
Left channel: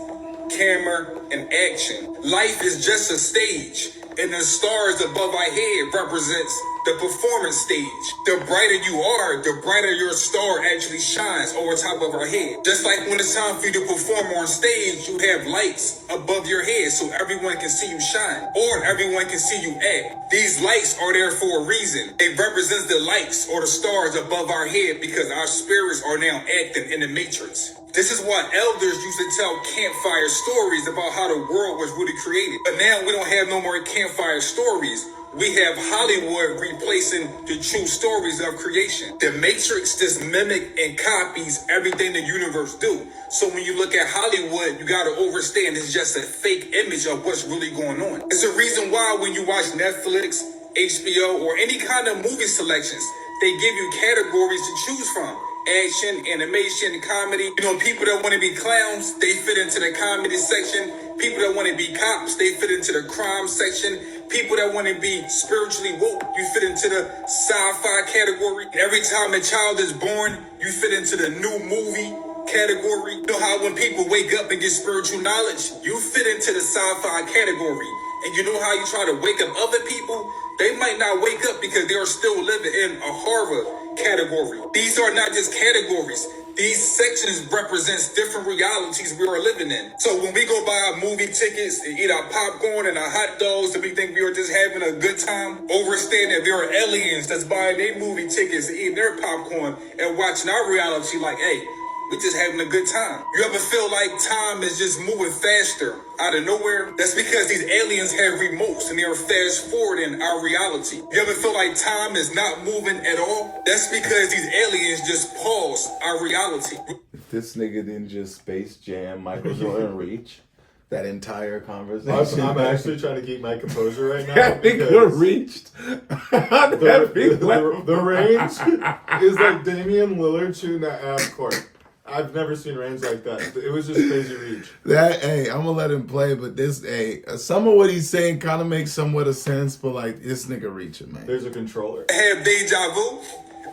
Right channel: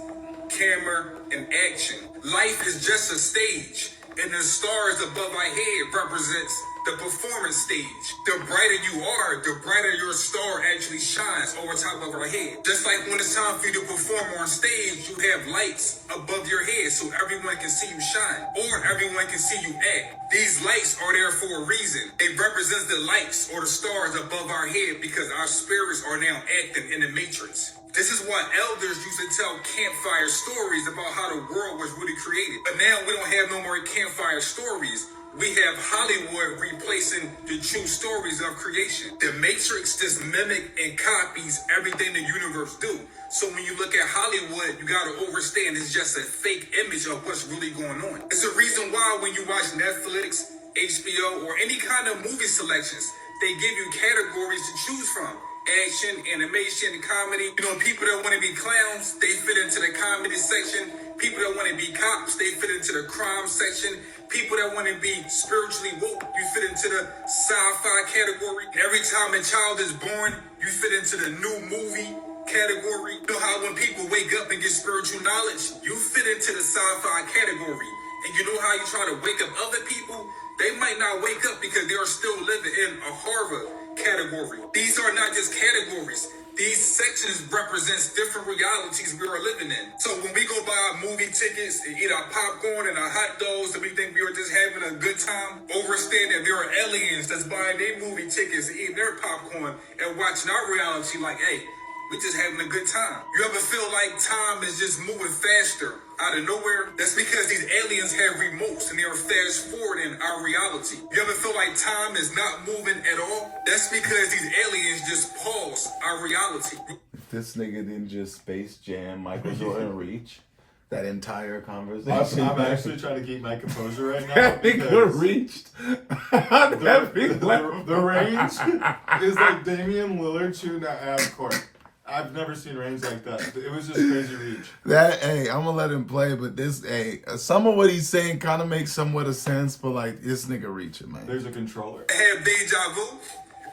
camera, and action. Life is just a stage, and the stars above our head represents the performance stage. The brighter you are, the brighter your star actually shines over top of our head. Just like when it's time for you to perform on stage, you have lights above your head so everyone can see you shine, or everyone can see you act. These lights are there for a reason. It represents the lights or the stars above our head because our spirits are now acting in the matrix. This is why elders used to tell campfire stories about how the world was really created. But now we don't have no more campfire stories. We have Hollywood replacing the true stories of creation. The Matrix just mimic and copies everything the universe do. So when you look at Hollywood, you gotta understand it's just a fake image of what's really going on. It's the reason why when you watch Netflix, HBO, or any kind of movie selections, they give you categories to choose from. Action, animation, comedy. You know, people that want to be clowns, they fit into the comedy section. People that want to be cops, they fit into the crime section. People that want to be spiritually woke, you fit into the sci-fi category. Every time a child is born, you fit into the new movie category. You know how when people wake up and get spiritual knowledge, you fit into the sci-fi category. And you know how you try to wake up other people? They might not wake up because they are still living in a Harvard category. These are not just categories. These sections represents different realities we are living in. So when we go buy movie tickets and eat our popcorn and our hot dogs and we think we are just having a good time, understand that there are aliens that's buying their movie tickets and eating their popcorn and watching our reality like, hey, we just having a good time. You ever feel like time is just moving faster out of nowhere? That's because these aliens have remotes and they are fast forwarding our reality. You ever feel like time is not moving at all? That's because these aliens just pause our reality. If this nigga didn't just Space Jam, Michael Jordan reach that entire conversation. I'm actually trying to keep my composure right now. That nigga reached. The range is like Damian Lillard shooting at half court. I've never seen range like that. It was just crazy reach. I'm gonna let him play, but some of what he's saying kind of makes somewhat of sense, but like this nigga reaching, man. There's a controller. Have deja vu.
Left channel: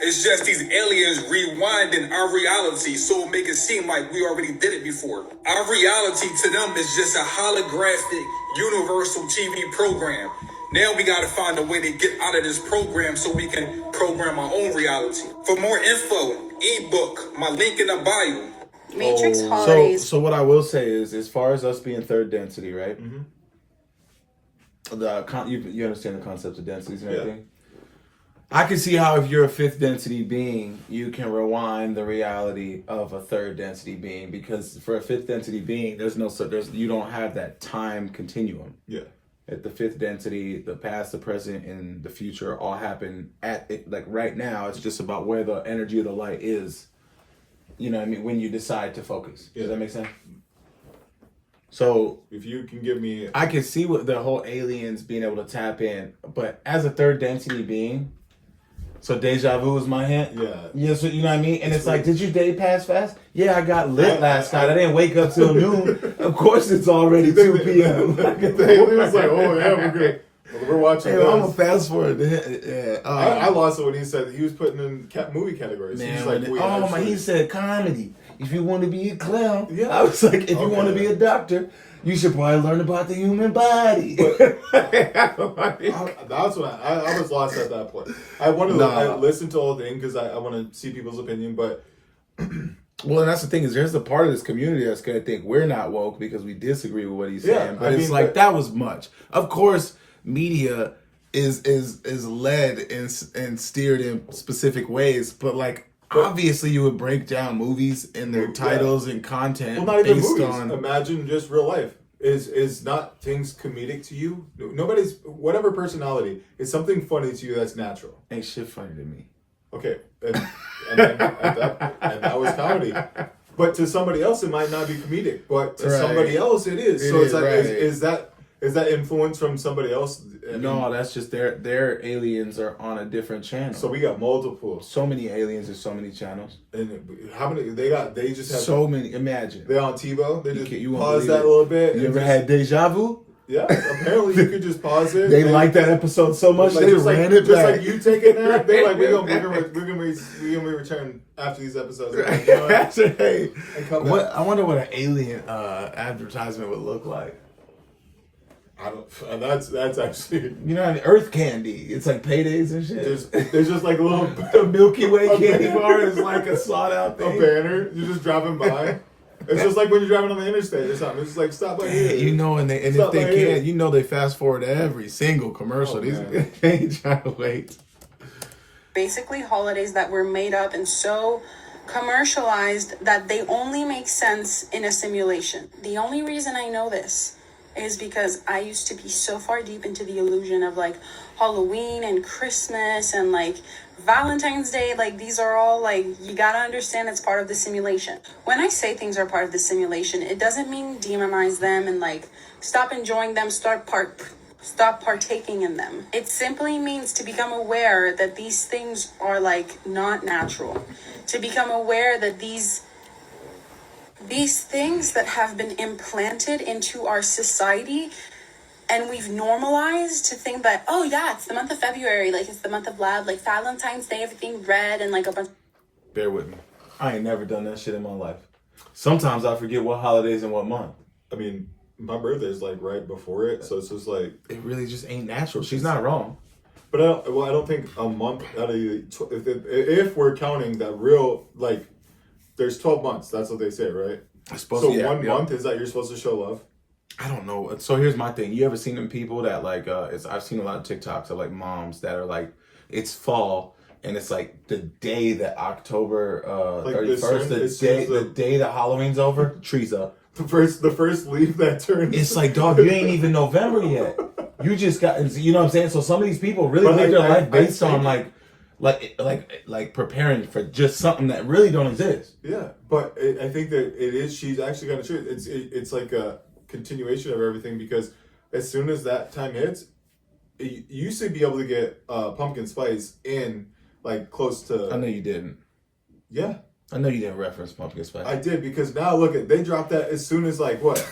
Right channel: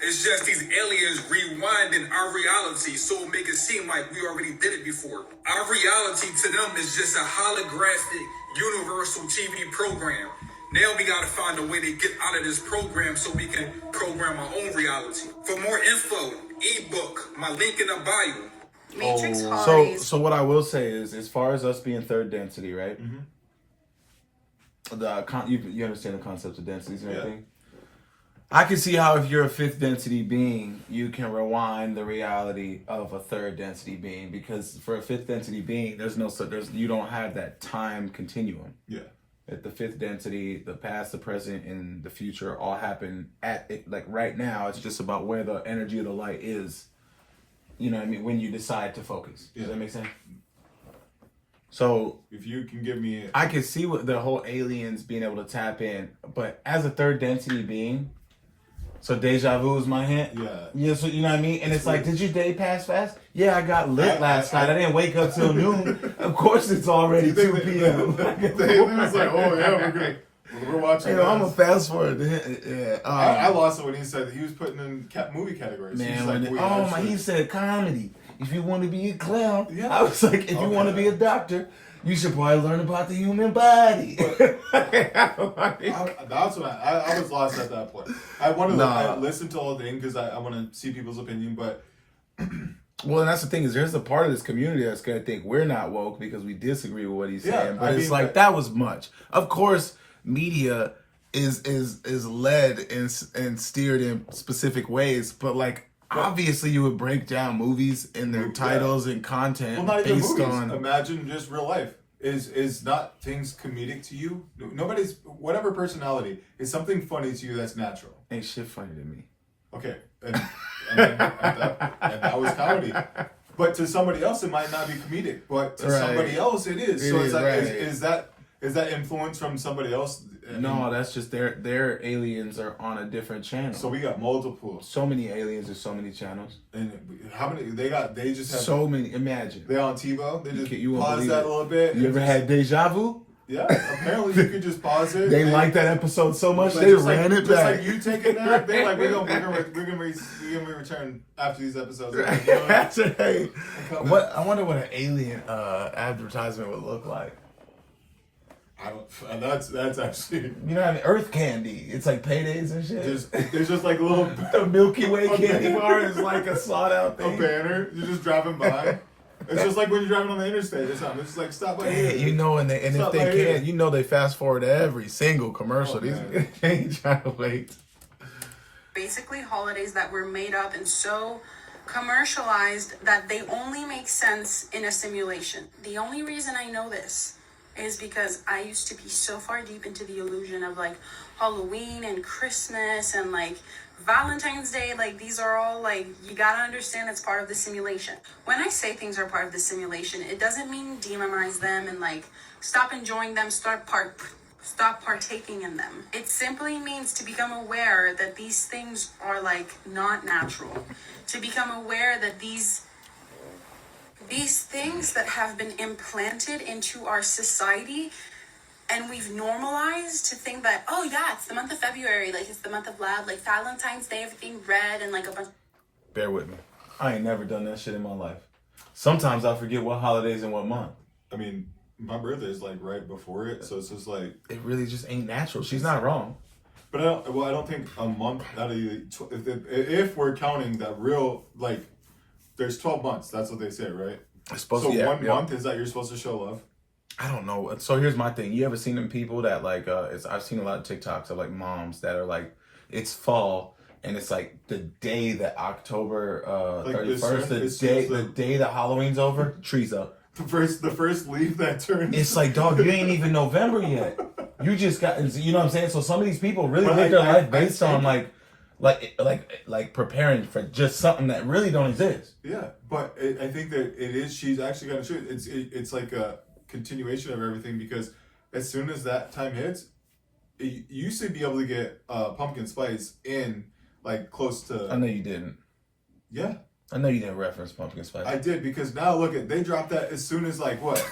It's just these aliens rewinding our reality so it make it seem like we already did it before. Our reality to them is just a holographic universal TV program. Now we gotta find a way to get out of this program so we can program our own reality. For more info, ebook, my link in the bio. Matrix holidays. So what I will say is, as far as us being third density, right? Mm-hmm. You understand the concept of densities and everything? I can see how if you're a fifth density being, you can rewind the reality of a third density being, because for a fifth density being, you don't have that time continuum. Yeah. At the fifth density, the past, the present, and the future all happen at it. Like right now, it's just about where the energy of the light is. You know what I mean? When you decide to focus. Does that make sense? So if you can give me, I can see what the whole aliens being able to tap in, but as a third density being, so deja vu is my hint. Yeah. So you know what I mean? And it's like, did your day pass fast? Yeah, I got lit last night. I didn't wake up till noon. Of course, it's already 2 p.m. They was like, oh yeah, we're good. We're watching. Hey, I'm gonna fast forward. Yeah. I lost it when he said he was putting in movie categories. Man, like, he said comedy. If you want to be a clown, I was like, if you want to be a doctor, you should probably learn about the human body. That's what I was lost at that point. I wanted to listen to the whole thing because I want to see people's opinion, but. Well, and that's the thing is, there's a part of this community that's gonna think we're not woke because we disagree with what he's saying. But it's like that was much. Of course, media is led and steered in specific ways, but obviously you would break down movies and their titles and content based on. Imagine just real life. Is not things comedic to you? Nobody's whatever personality is something funny to you that's natural. Ain't shit funny to me. Okay, and that was comedy. But to somebody else, it might not be comedic. But to somebody else, it is. So it's like, is that influence from somebody else? No, that's just their aliens are on a different channel. So we got multiple. So many aliens. There's so many channels. And how many they got? They just have so many. Imagine they're on TiVo. They just you pause that a little bit. You ever had deja vu? Yeah, apparently you could just pause it. They liked that episode so much they ran it back. Just like you take it now, they're like, we're gonna return after these episodes. Hey, I wonder what an alien advertisement would look like. I don't. That's actually. You know, Earth candy. It's like paydays and shit. There's just like a little Milky Way candy bar is like a sought out thing. A banner. You're just driving by. It's just like when you're driving on the interstate or something. It's just like stop by here. You know, and if they can, you know, they fast forward every single commercial. These they ain't trying to wait. Basically, holidays that were made up and so commercialized that they only make sense in a simulation. The only reason I know this is because I used to be so far deep into the illusion of like Halloween and Christmas and like Valentine's Day. Like these are all like, you gotta understand it's part of the simulation. When I say things are part of the simulation, it doesn't mean demonize them and like stop enjoying them, stop partaking in them. It simply means to become aware that these things are like not natural. To become aware that these things that have been implanted into our society and we've normalized to think that, oh yeah, it's the month of February, like it's the month of love, like Valentine's Day, everything red and like a bunch. Bear with me. I ain't never done that shit in my life. Sometimes I forget what holidays and what month. I mean, my birthday's like right before it, so it's just like it really just ain't natural. She's not wrong. But I don't think a month out of if we're counting that real, like there's 12 months. That's what they say, right? It's supposed to be one month is that you're supposed to show love. I don't know. So here's my thing. You ever seen them people that like I've seen a lot of TikToks of like moms that are like, it's fall and it's like the day that October 31st, the day that Halloween's over, tree's up. The first leaf that turns. It's like, dog, you ain't even November yet. You just got, you know what I'm saying? So some of these people really live their life based on like preparing for just something that really don't exist. Yeah, but I think that it is. She's actually got a truth. It's like a continuation of everything because as soon as that time hits, you used to be able to get pumpkin spice in like close to. I know you didn't. Yeah. I know you didn't reference pumpkin spice. I did because now look at they dropped that as soon as like what?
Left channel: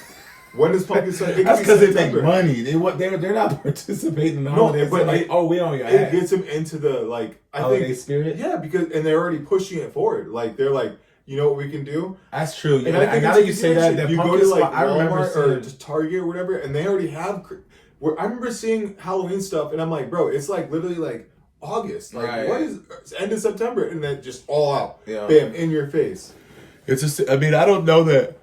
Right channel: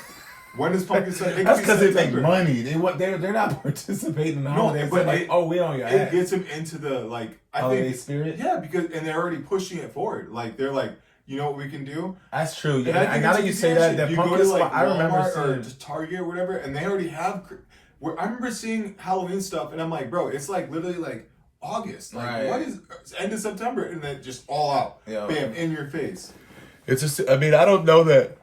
When does pumpkin spice? That's because they make money. They're not participating in the holidays. But like, oh, we on your ass. It gets them into the like holiday spirit. Yeah, because and they're already pushing it forward. Like they're like, you know what we can do? That's true. Yeah, and now that you say that you pumpkin go to like spice, I remember or just Target or whatever, and they already have. I remember seeing Halloween stuff, and I'm like, bro, it's like literally like August. Like what is it's end of September, and then just all out, bam, in your face. It's just, I mean, I don't know that.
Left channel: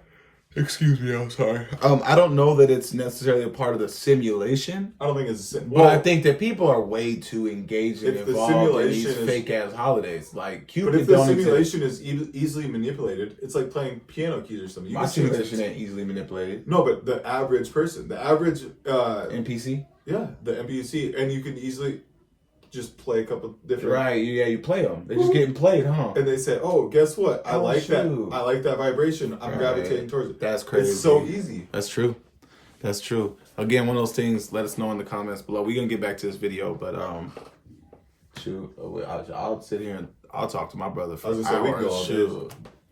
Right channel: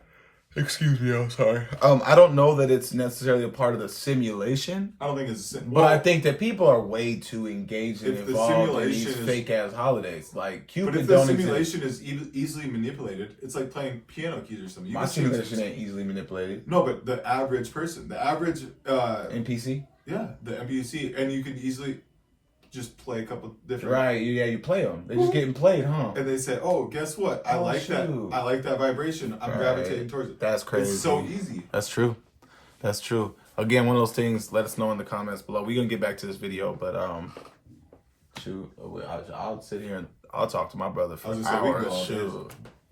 Excuse me, I'm sorry. I don't know that it's necessarily a part of the simulation. I don't think it's. But I think that people are way too engaged and involved in these fake ass holidays. Like Cupid. But if the simulation is easily manipulated, it's like playing piano keys or something. My simulation ain't easily manipulated. No, but the average person, the average NPC. Yeah, the NPC, and you can easily just play a couple different. Right, yeah, you play them. They're just getting played, huh? And they said, "Oh, guess what? I like that. I like that vibration. I'm gravitating towards it." That's crazy. It's so easy. That's true. That's true. Again, one of those things. Let us know in the comments below. We're gonna get back to this video, but I'll sit here and I'll talk to my brother for hours.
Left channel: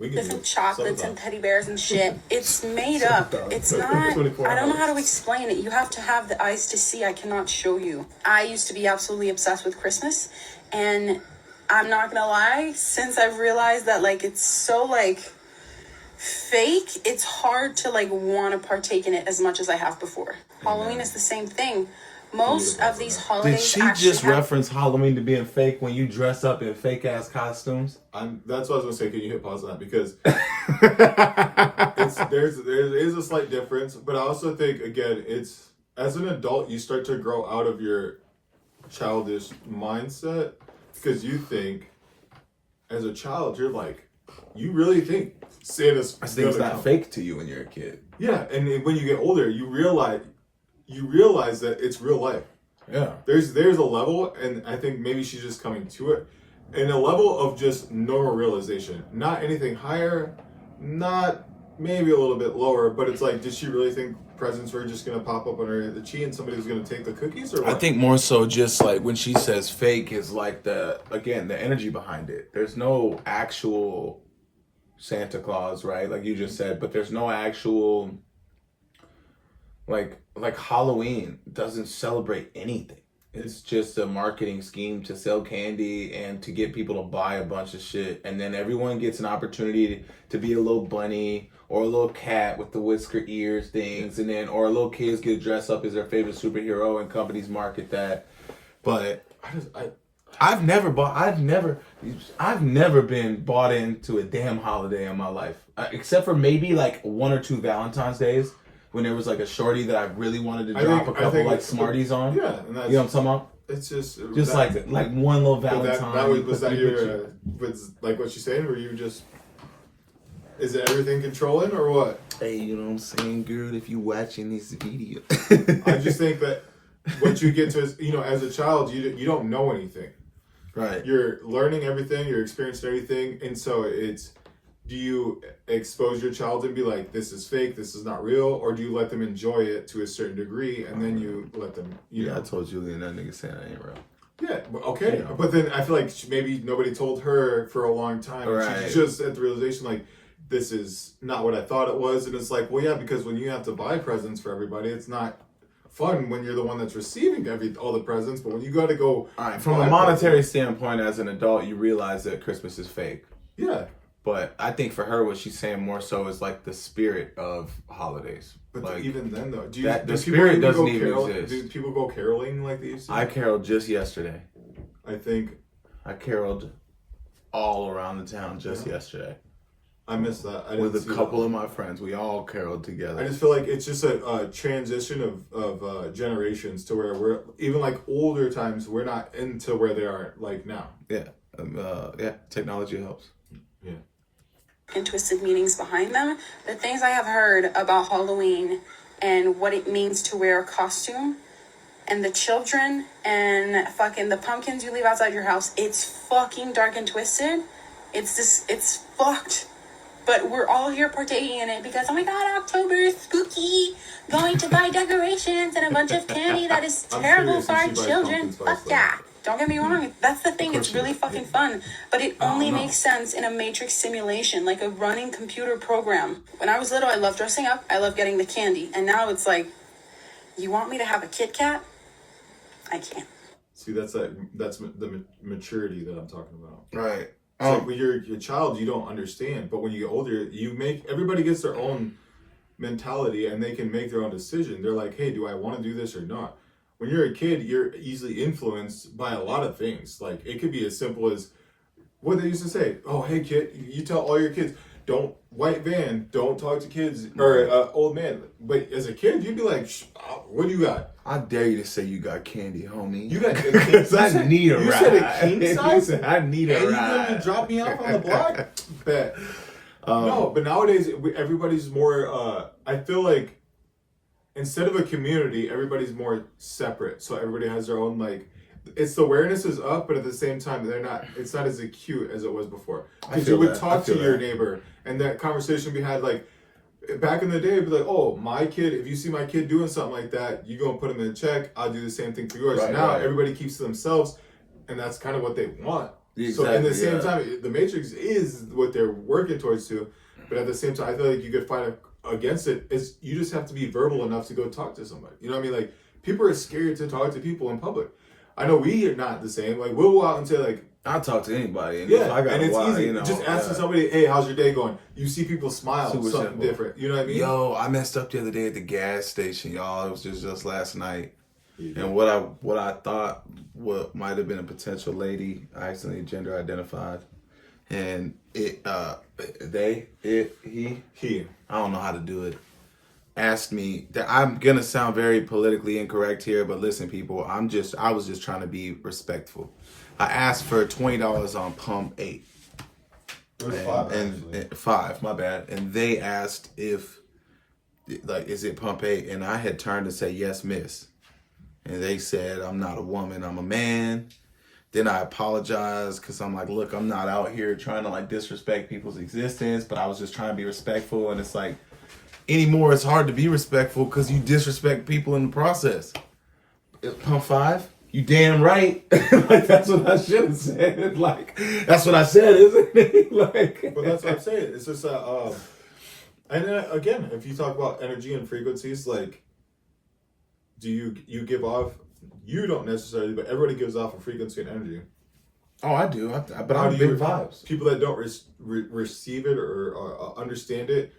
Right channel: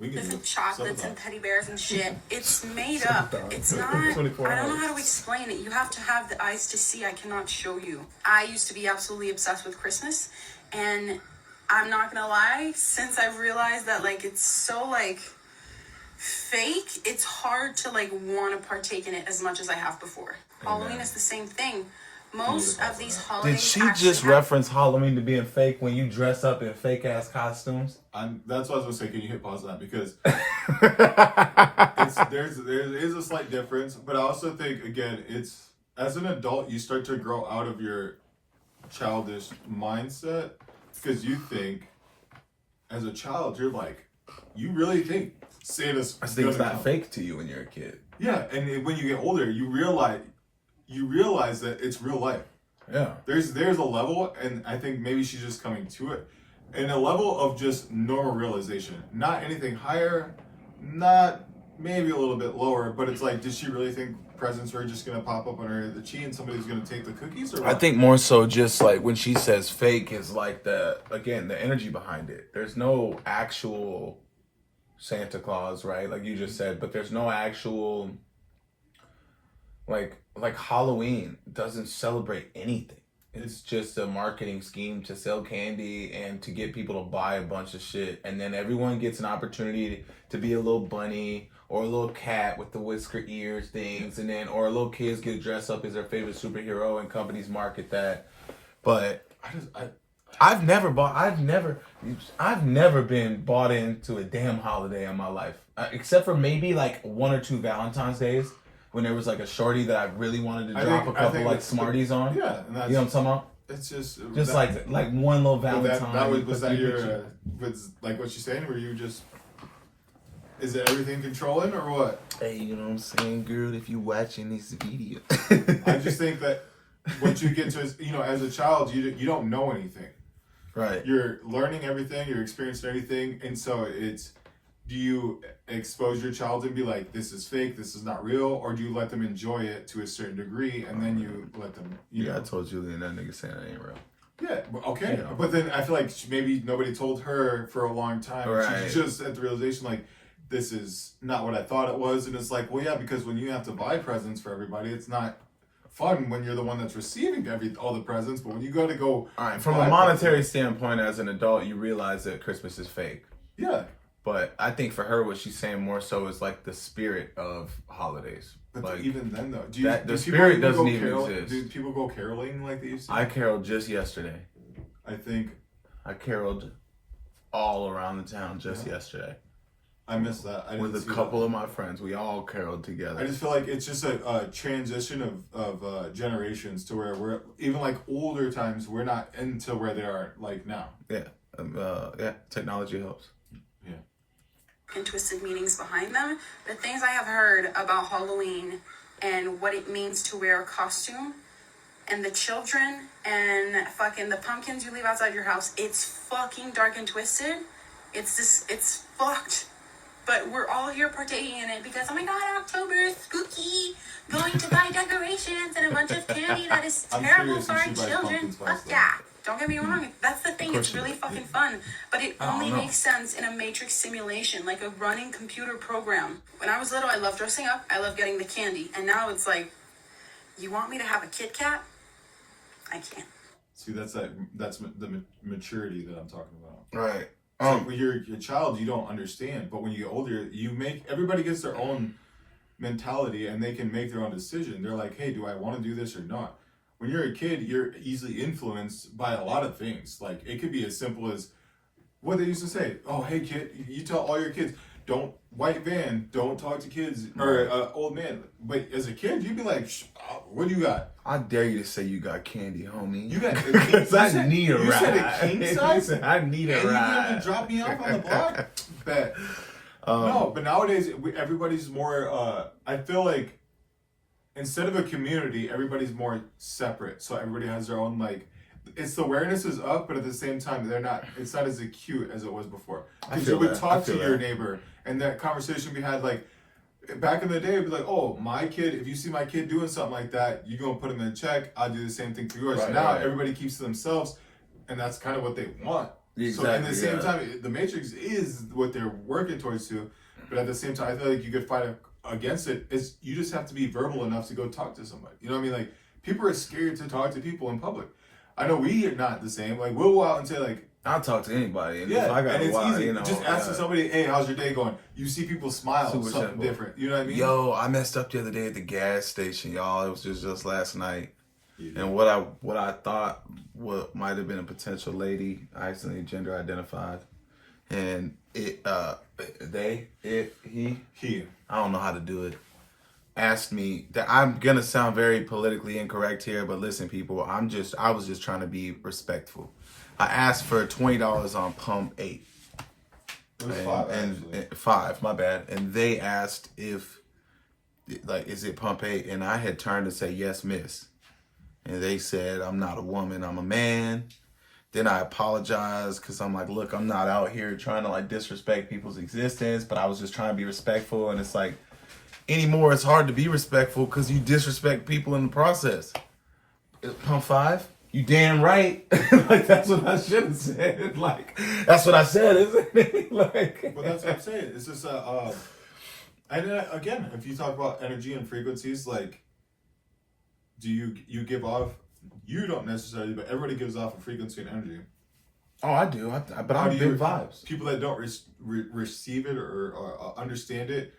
Different chocolates and teddy bears and shit. It's made up. It's not. I don't know how to explain it. You have to have the eyes to see. I cannot show you. I used to be absolutely obsessed with Christmas, and I'm not gonna lie. Since I've realized that like it's so like fake, it's hard to like want to partake in it as much as I have before. Halloween is the same thing. Most of these holidays. Did she just reference Halloween to being fake when you dress up in fake ass costumes? That's what I was gonna say. Can you hit pause on that because there is a slight difference, but I also think again, it's as an adult you start to grow out of your childish mindset because you think as a child you're like you really think Santa's. I think it's not fake to you when you're a kid. Yeah, and when you get older, you realize that it's real life. Yeah. There's a level, and I think maybe she's just coming to it, in a level of just normal realization. Not anything higher, not maybe a little bit lower, but it's like, did she really think presents were just gonna pop up on her the and somebody's gonna take the cookies or what? I think more so just like when she says fake is like the energy behind it. There's no actual Santa Claus, right? Like you just said, but there's no actual like Halloween doesn't celebrate anything. It's just a marketing scheme to sell candy and to get people to buy a bunch of shit. And then everyone gets an opportunity to be a little bunny or a little cat with the whisker ears things. And then, or little kids get dressed up as their favorite superhero and companies market that. But I've never been bought into a damn holiday in my life. Except for maybe like 1 or 2 Valentine's days. When there was like a shorty that I really wanted to drop a couple like Smarties on. Yeah. And that's, you know what I'm talking about? It's just that, like one little Valentine. Was that your, was like what you're saying? Were you just, is it everything controlling or what? Hey, you know what I'm saying, girl? If you watching this video. I just think that once you get to, as a child, you don't know anything. Right. You're learning everything, you're experiencing everything. And so do you expose your child and be like, this is fake, this is not real? Or do you let them enjoy it to a certain degree and then you let them, I told Julian that nigga saying that ain't real. Yeah, okay. But then I feel like maybe nobody told her for a long time. Right. She's just at the realization like, this is not what I thought it was. And it's like, well, yeah, because when you have to buy presents for everybody, it's not fun when you're the one that's receiving all the presents. But when you got to go... All right, from a monetary standpoint, as an adult, you realize that Christmas is fake. Yeah. But I think for her, what she's saying more so is like the spirit of holidays. But like, even then, though, the spirit doesn't even exist. Do people go caroling like they used to? I caroled just yesterday. I think I caroled all around the town just yesterday. I missed that. With a couple of my friends, we all caroled together. I just feel like it's just a transition of generations to where we're even like older times. We're not into where they are like now. Yeah, technology helps. Yeah. And twisted meanings behind them. The things I have heard about Halloween and what it means to wear a costume and the children and fucking the pumpkins you leave outside your house, it's fucking dark and twisted. It's fucked. But we're all here partaking in it because, oh my god, October is spooky. Going to buy decorations and a bunch of candy that is terrible for our children. Fuck yeah. Don't get me wrong, that's the thing, it's really fucking fun. But it only makes sense in a matrix simulation, like a running computer program. When I was little, I loved dressing up, I loved getting the candy. And now it's like, you want me to have a Kit Kat? I can't. See, that's the maturity that I'm talking about. Right. Like when you're a child, you don't understand. But when you get older, everybody gets their own mentality and they can make their own decision. They're like, hey, do I want to do this or not? When you're a kid, you're easily influenced by a lot of things. Like, it could be as simple as what they used to say. Oh, hey, kid, you tell all your kids, white van, don't talk to kids, or old man. But as a kid, you'd be like, what do you got? I dare you to say you got candy, homie. You got candy? I need a ride. You said a king size? I need a ride. And you to drop me off on the block? Bet. No, but nowadays, everybody's more, I feel like, instead of a community, everybody's more separate. So everybody has their own, like, it's the awareness is up, but at the same time, it's not as acute as it was before. Because you would talk to your neighbor, and that conversation we had, like, back in the day, it'd be like, oh, my kid, if you see my kid doing something like that, you go and put him in check, I'll do the same thing for yours. Right, now, everybody keeps to themselves, and that's kind of what they want. Exactly, so at the same time, the Matrix is what they're working towards to, but at the same time, I feel like you could fight against it. Is you just have to be verbal enough to go talk to somebody. You know what I mean? Like, people are scared to talk to people in public. I know we are not the same. Like, we'll go out and say, like, I'll talk to anybody. And yeah, if I got and it's easy. Just asking somebody, hey, how's your day going? You see people smile, Super something simple. different. You know what I mean? Yo, I messed up the other day at the gas station, y'all. It was just last night. And what I thought might have been a potential lady, I accidentally gender identified. And he, I don't know how to do it, asked me that I'm gonna sound very politically incorrect here, but listen, people, I was just trying to be respectful. I asked for $20 on pump 8. And 5, my bad. And they asked if, like, is it pump 8? And I had turned to say, yes, miss. And they said, I'm not a woman, I'm a man. Then I apologized because I'm like, look, I'm not out here trying to like disrespect people's existence, but I was just trying to be respectful. And it's like, anymore, it's hard to be respectful because you disrespect people in the process. Pump 5? You damn right. Like, that's what I should have said. Like, that's what I said, isn't it? Like, but that's what I'm saying. It's just and again, if you talk about energy and frequencies, like, do you give off you don't necessarily, but everybody gives off a frequency and energy. Oh, I do. But I'm big vibes. People that don't receive it or understand it,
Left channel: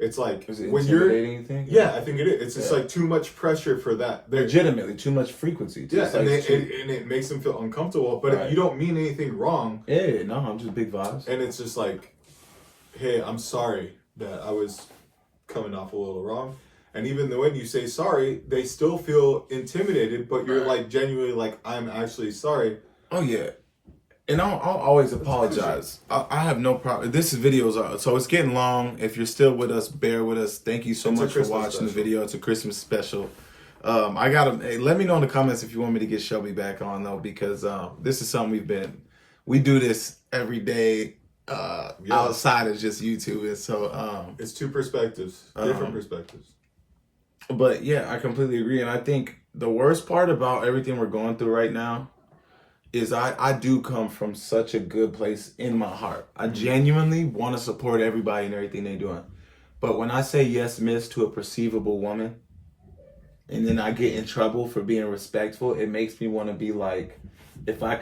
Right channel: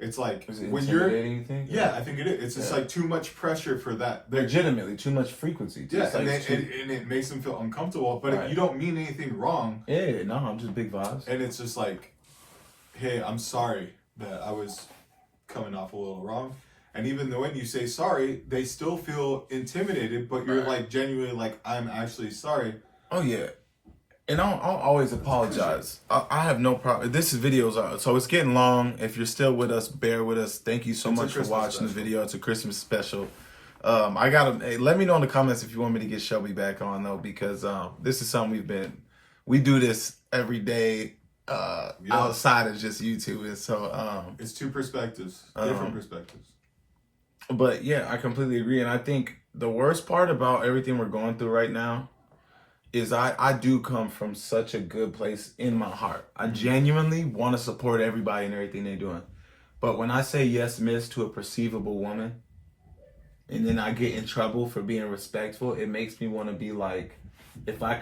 it's like is it when you're. You think? Yeah, I think it is. It's just like too much pressure for that. Legitimately, too much frequency. Yeah, and it makes them feel uncomfortable. But you don't mean anything wrong. Yeah, no, I'm just big vibes. And it's just like, hey, I'm sorry that I was coming off a little wrong. And even though when you say sorry, they still feel intimidated. But you're like genuinely like, I'm actually sorry. Oh yeah. And I'll always apologize. I have no problem. This video's so it's getting long. If you're still with us, bear with us. Thank you so much for watching the video. It's a Christmas special. Let me know in the comments if you want me to get Shelby back on though, because this is something we do this every day outside of just YouTube. And so it's two perspectives, different perspectives. But yeah, I completely agree. And I think the worst part about everything we're going through right now is I do come from such a good place in my heart. I genuinely want to support everybody and everything they're doing. But when I say yes, miss to a perceivable woman, and then I get in trouble for being respectful, it makes me want to be like, if my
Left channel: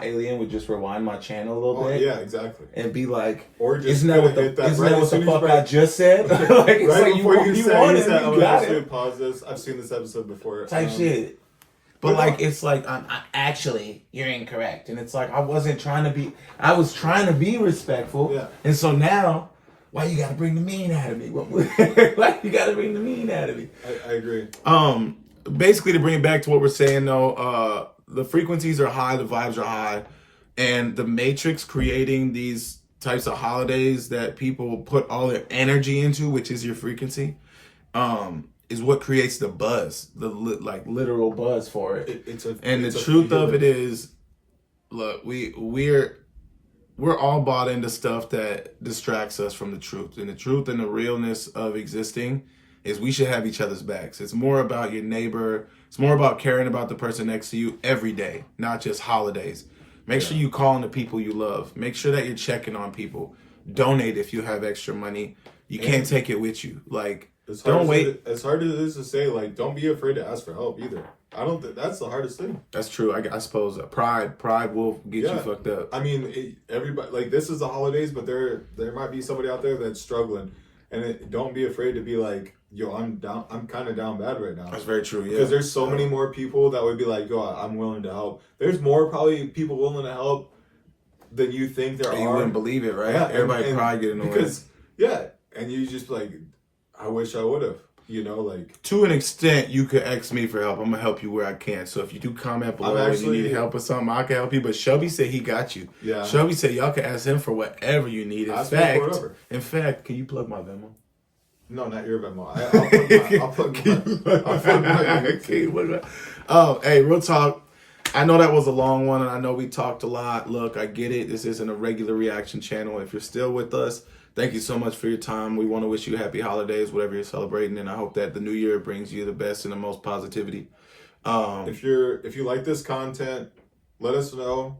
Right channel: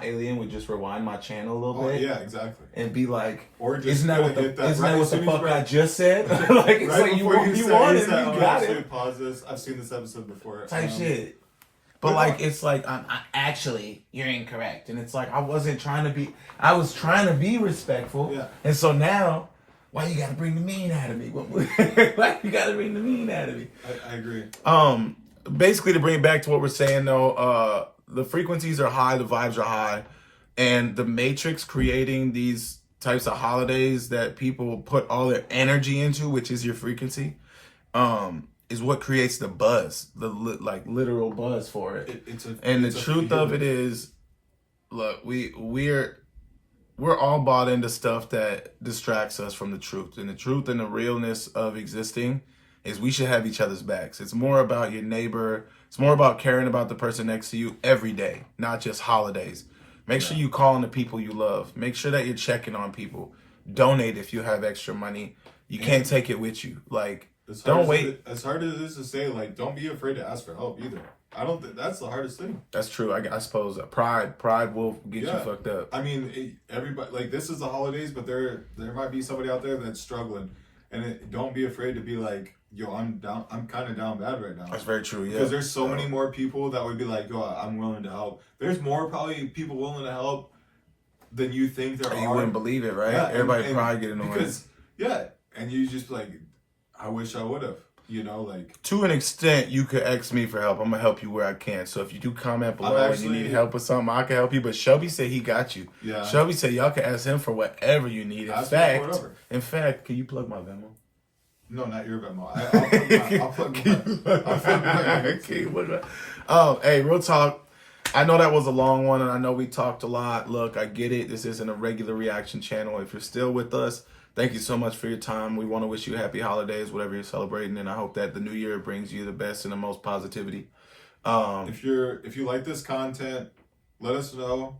alien would just rewind my channel a little bit. Yeah, exactly. And be like, or just isn't that what the fuck I just said? Like, it's like you want it, you got it. Pause this. I've seen this episode before. Type shit. But like, it's like, actually, you're incorrect. And it's like, I was trying to be respectful. Yeah. And so now, why you gotta bring the mean out of me? Like, you gotta bring the mean out of me. I agree. Basically, to bring it back to what we're saying though, the frequencies are high, the vibes are high. And the Matrix creating these types of holidays that people put all their energy into, which is your frequency, is what creates the buzz, the literal buzz for it. The truth of it is, look, we're all bought into stuff that distracts us from the truth. And the truth and the realness of existing is we should have each other's backs. It's more about your neighbor. It's more about caring about the person next to you every day, not just holidays. Make sure you call on the people you love. Make sure that you're checking on people. Donate if you have extra money. You can't take it with you. Like, don't wait. As hard as it is to say, like, don't be afraid to ask for help either. I don't think that's the hardest thing. That's true. I suppose pride will get you fucked up. I mean, everybody, like, this is the holidays, but there might be somebody out there that's struggling, and don't be afraid to be like, yo, I'm down. I'm kind of down bad right now. That's very true. Yeah. Because there's so many more people that would be like, yo, I'm willing to help. There's more probably people willing to help than you think there are. You wouldn't believe it, right? Yeah, Everybody probably get annoyed. Because, and you just like, I wish I would have, like. To an extent, you could ask me for help. I'm going to help you where I can. So if you do comment below and you need help with something, I can help you. But Shelby said he got you. Yeah. Shelby said y'all can ask him for whatever you need. In fact, can you plug my Venmo? No, not your Venmo. I'll plug my. Hey, real talk. I know that was a long one, and I know we talked a lot. Look, I get it. This isn't a regular reaction channel. If you're still with us, thank you so much for your time. We want to wish you happy holidays, whatever you're celebrating, and I hope that the new year brings you the best and the most positivity. If you like this content, let us know.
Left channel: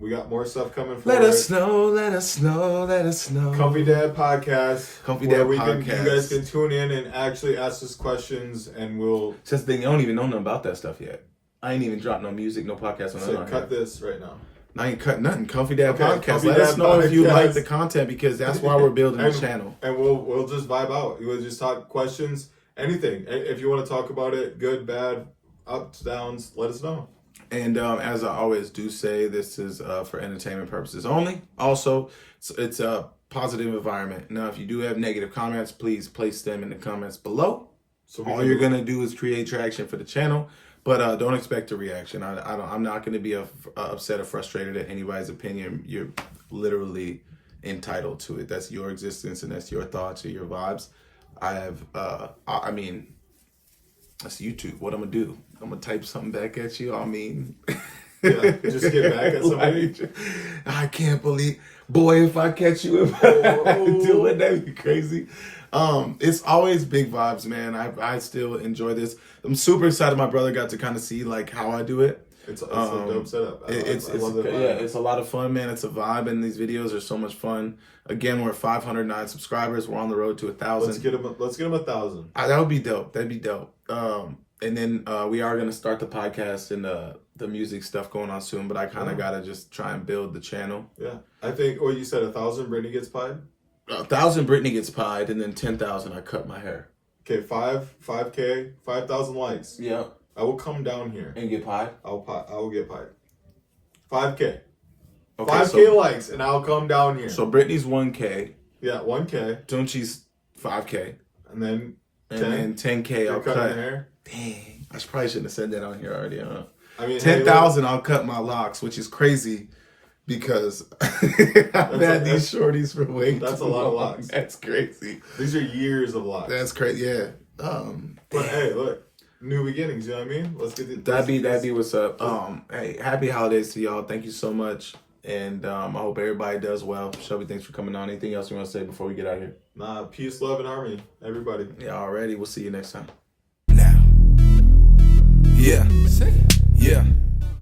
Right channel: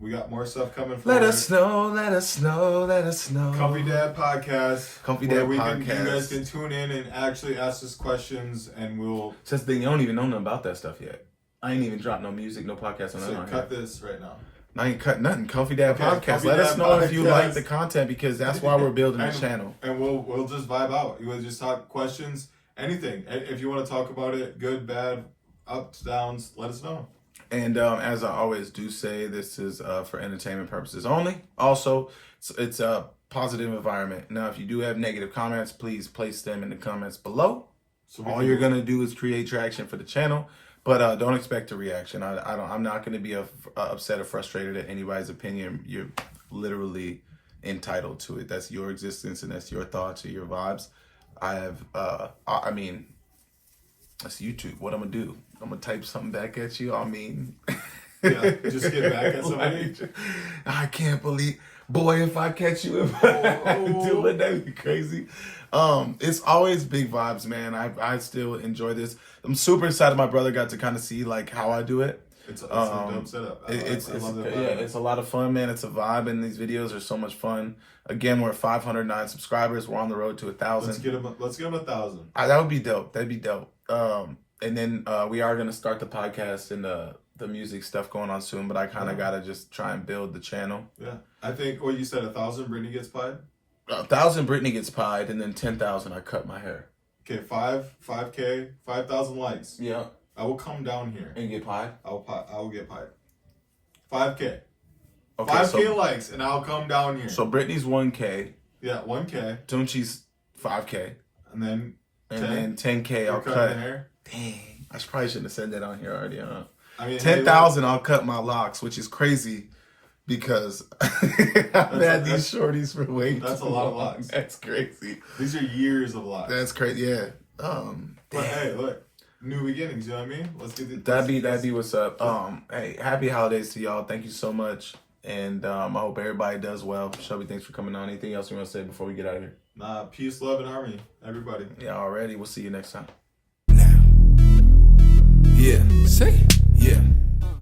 We got more stuff coming for Let us know. Comfy Dad Podcast. Podcast. You guys can tune in and actually ask us questions, and we'll. Just the thing, you don't even know nothing about that stuff yet. I ain't even dropped no music, no podcast on that. Cut this right now. I ain't cut nothing. Comfy Dad Podcast. Let us know if you like the content, because that's why we're building the channel. And we'll just vibe out. We'll just talk questions, anything. If you want to talk about it, good, bad, ups, downs, let us know. And as I always do say, this is for entertainment purposes only. Also, it's a positive environment. Now, if you do have negative comments, please place them in the comments below. So all you're gonna do is create traction for the channel, but don't expect a reaction. I'm not gonna be upset or frustrated at anybody's opinion. You're literally entitled to it. That's your existence, and that's your thoughts or your vibes. I mean, that's YouTube. What I'm gonna do? I'm gonna type something back at you. I mean, just get back at somebody. I can't believe, boy, if I catch you doing that, that'd be crazy. It's always big vibes, man. I still enjoy this. I'm super excited. My brother got to kind of see like how I do it. It's a dope setup. It's a lot of fun, man. It's a vibe, and these videos are so much fun. Again, we're 509 subscribers. We're on the road to 1,000. Let's get them 1,000. That would be dope. That'd be dope. And then we are gonna start the podcast and the music stuff going on soon, but I kind of gotta just try and build the channel. Yeah, I think what you said, 1,000 Brittany gets pied. 1,000 Brittany gets pied, and then 10,000 I cut my hair. Okay, 5K, 5,000 likes. Yeah, I will come down here and get pied. I will get pied. 5K. Okay, 5K likes, and I'll come down here. So Brittany's 1K. Yeah, 1K. Tunchi's 5K. And then 10K I'll cut. Hair. Dang, I probably shouldn't have said that on here already, huh? I mean, 10,000 I'll cut my locks, which is crazy because I've had these shorties for way too long. That's a lot of locks. That's crazy. These are years of locks. That's crazy, yeah. But hey, look, new beginnings, you know what I mean? Let's get That'd be what's up. Hey, happy holidays to y'all. Thank you so much. And I hope everybody does well. Shelby, thanks for coming on. Anything else you want to say before we get out of here? Nah, peace, love, and harmony, everybody. Yeah, already. We'll see you next time. Yeah, say, yeah.